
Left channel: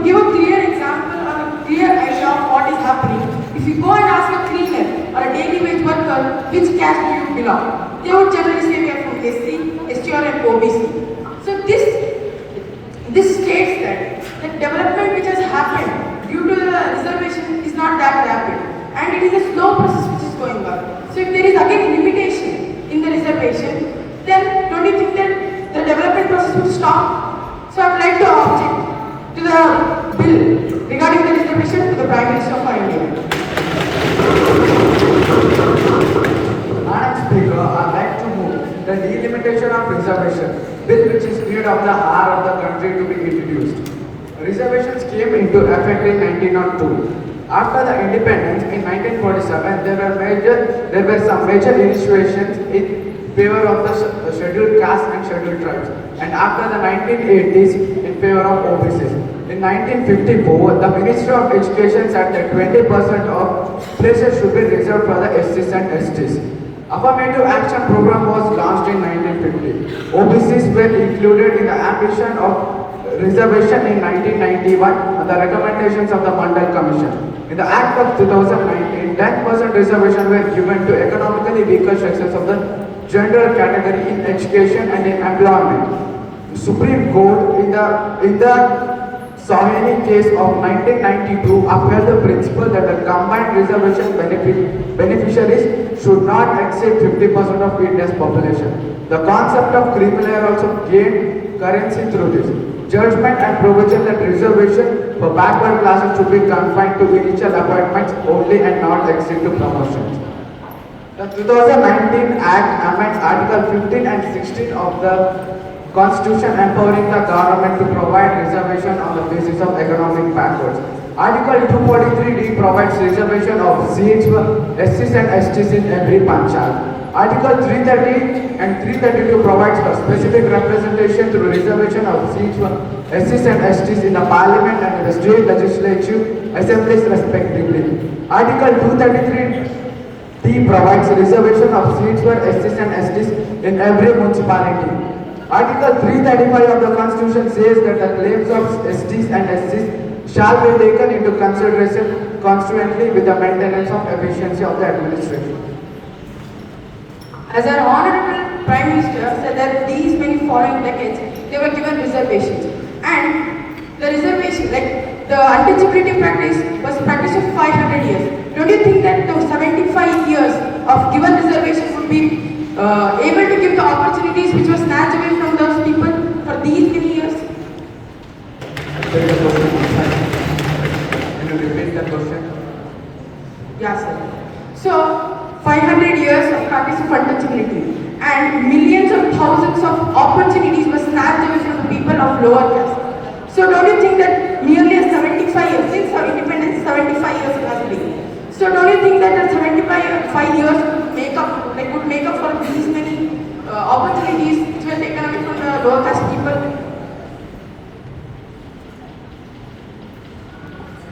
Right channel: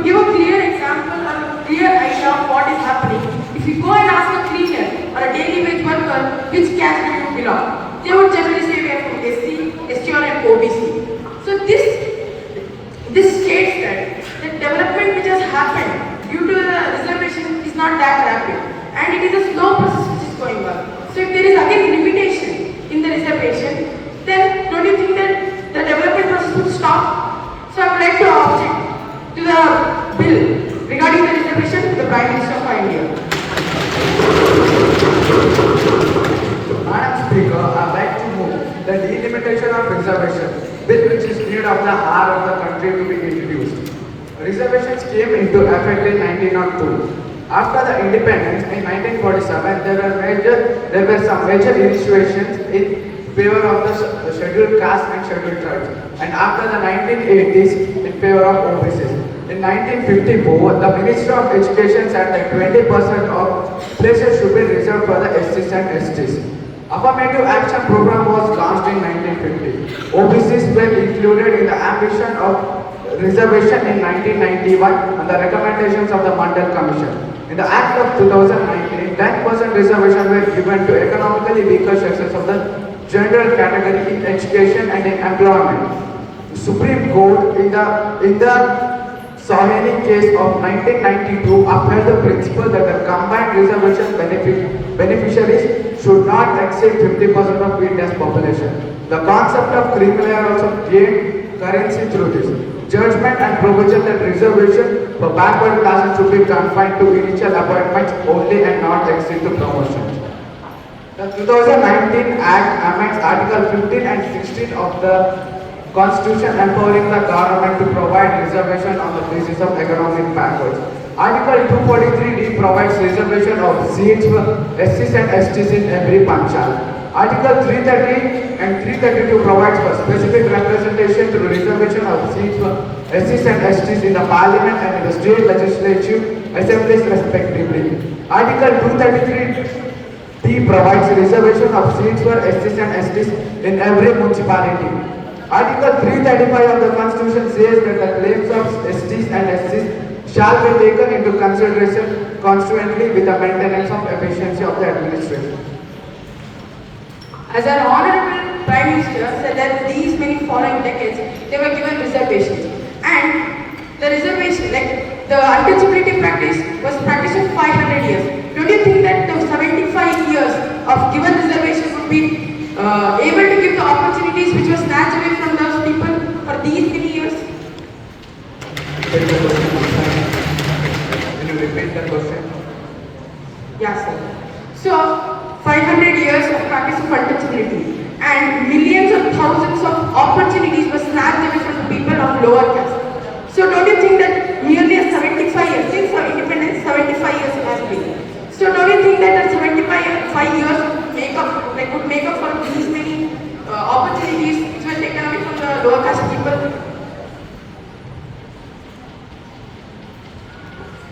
to give a clear example or a clear idea of what is happening, if you go and ask a cleaner or a daily wage worker which caste do you belong, they would generally say we are from SC, STR and OBC. So this states that the development which has happened due to the reservation is not that rapid, and it is a slow process which is going on. So if there is again limitation in the reservation, then don't you think that the development process would stop? So I would like to object to the bill regarding the reservation to the Prime Minister of India. Madam Speaker, I would like to move the delimitation of reservation bill which is needed of the hour of the country to be introduced. Reservations came into effect in 1902. After the independence in 1947, there were some major initiations in favor of the scheduled castes and scheduled tribes, and after the 1980s in favor of OBCs. In 1954, the Ministry of Education said that 20% of places should be reserved for the SCs and STs. Affirmative Action Program was launched in 1950. OBCs were included in the ambition of reservation in 1991 on the recommendations of the Mandal Commission. In the Act of 2019, 10% reservation were given to economically weaker sections of the general category in education and in employment. The Supreme Court in the Sahini case of 1992 upheld the principle that the combined reservation beneficiaries should not exceed 50% of India's population. The concept of cream layer also gained currency through this. Judgment and provision that reservation for backward classes should be confined to initial appointments only and not exceed to promotions. The 2019 Act amends Article 15 and 16 of the Constitution empowering the government to provide reservation on the basis of economic backwards. Article 243D provides reservation of seats for SCs and STs in every panchayat. Article 330 and 332 provides for specific representation through reservation of seats for SCs and STs in the parliament and in the state legislative assemblies respectively. Article 233D provides reservation of seats for SCs and STs in every municipality. Article 335 of the Constitution says that the claims of STs and SCs shall be taken into consideration consequently with the maintenance of efficiency of the administration. As an honorable Prime Minister said that these many following decades, they were given reservations. And the reservation, like the untouchability practice, was practiced for 500 years. Don't you think that the 75 years of given reservation would be able to give the opportunities which was snatched away from those people for these many years? Can you repeat that question? Yeah, sir. So, 500 years of practice of untouchability and millions or thousands of opportunities were snatched away from the people of lower caste. So, don't you think that nearly 75 years, since our independence, 75 years has been. So, don't you think that the 75 years would make up for these many opportunities which were taken away from the lower caste people?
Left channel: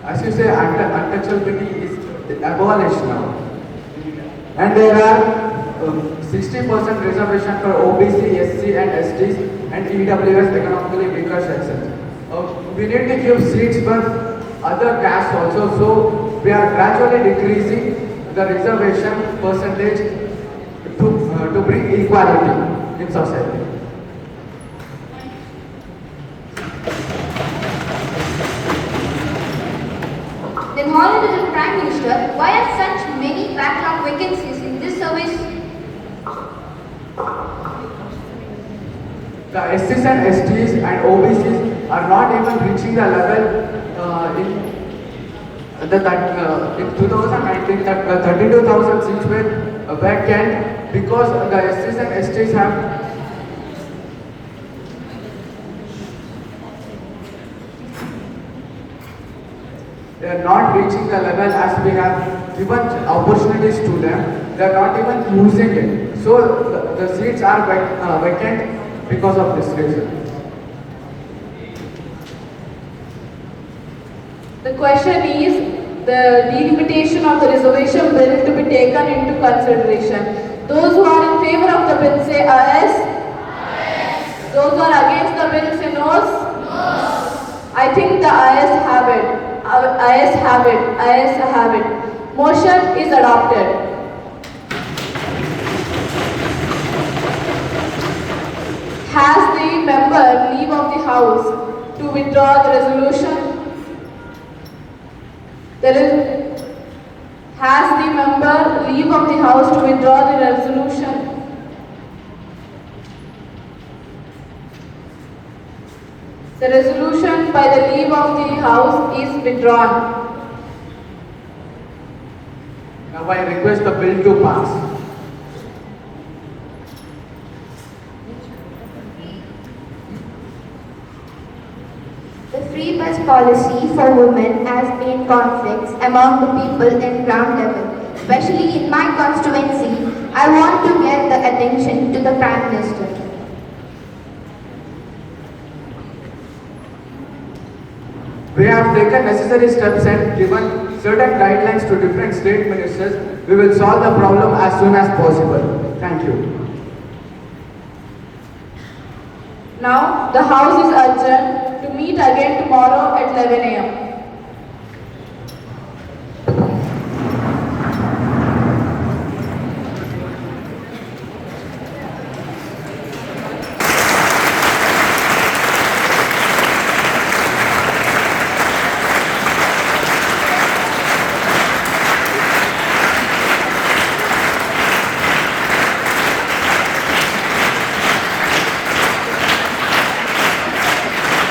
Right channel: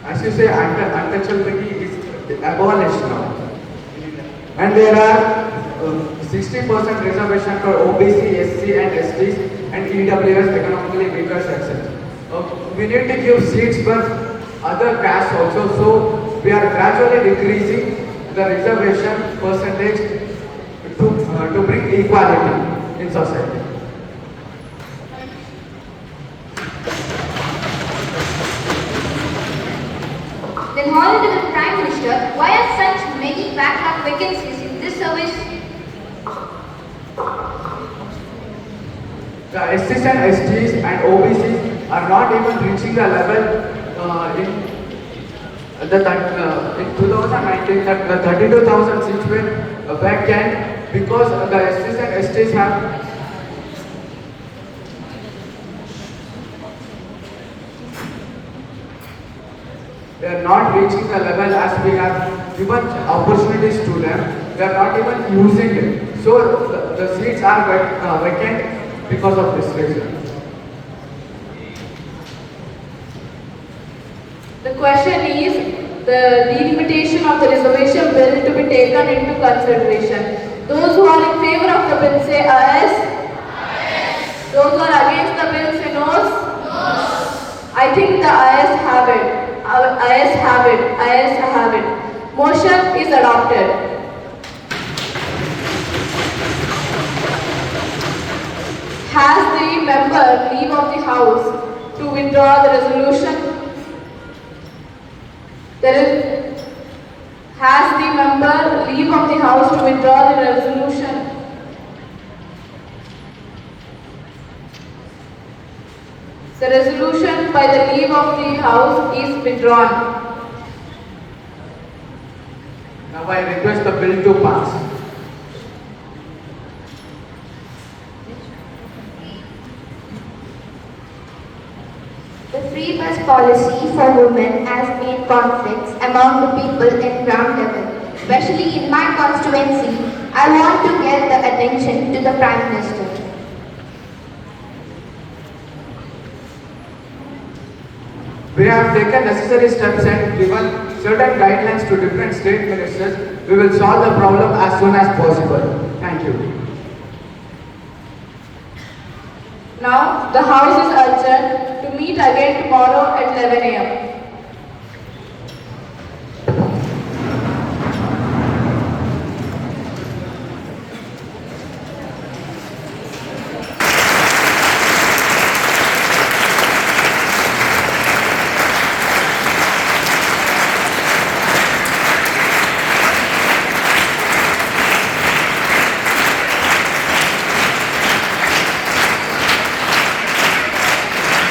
As you say, untouchability is abolished now. And there are 60% reservation for OBC, SC and STs and EWS economically weaker sections. We need to give seats for other castes also, so we are gradually decreasing the reservation percentage to bring equality in society. Then Honorable Prime Minister, why are such many backlog vacancies in this service? The SCs and STs and OBCs are not even reaching the level in 2019 that 32,000 seats were vacant because the SCs and STs have they are not reaching the level as we have given opportunities to them. They are not even using it. So the seats are vacant because of this reason. The question is the delimitation of the reservation bill to be taken into consideration. Those who are in favor of the bill say ayes. Ayes. Those who are against the bill say noes. Noes. I think the ayes have it. Ayes have it. Ayes have it. Motion is adopted. Has the member leave of the House to withdraw the resolution? Has the member leave of the House to withdraw the resolution? The resolution by the leave of the House is withdrawn. Now I request the bill to pass. The free bus policy for women has made conflicts among the people at ground level. Especially in my constituency, I want to get the attention to the Prime Minister. We have taken necessary steps and given certain guidelines to different state ministers. We will solve the problem as soon as possible. Thank you. Now, the House is adjourned to meet again tomorrow at 11 a.m.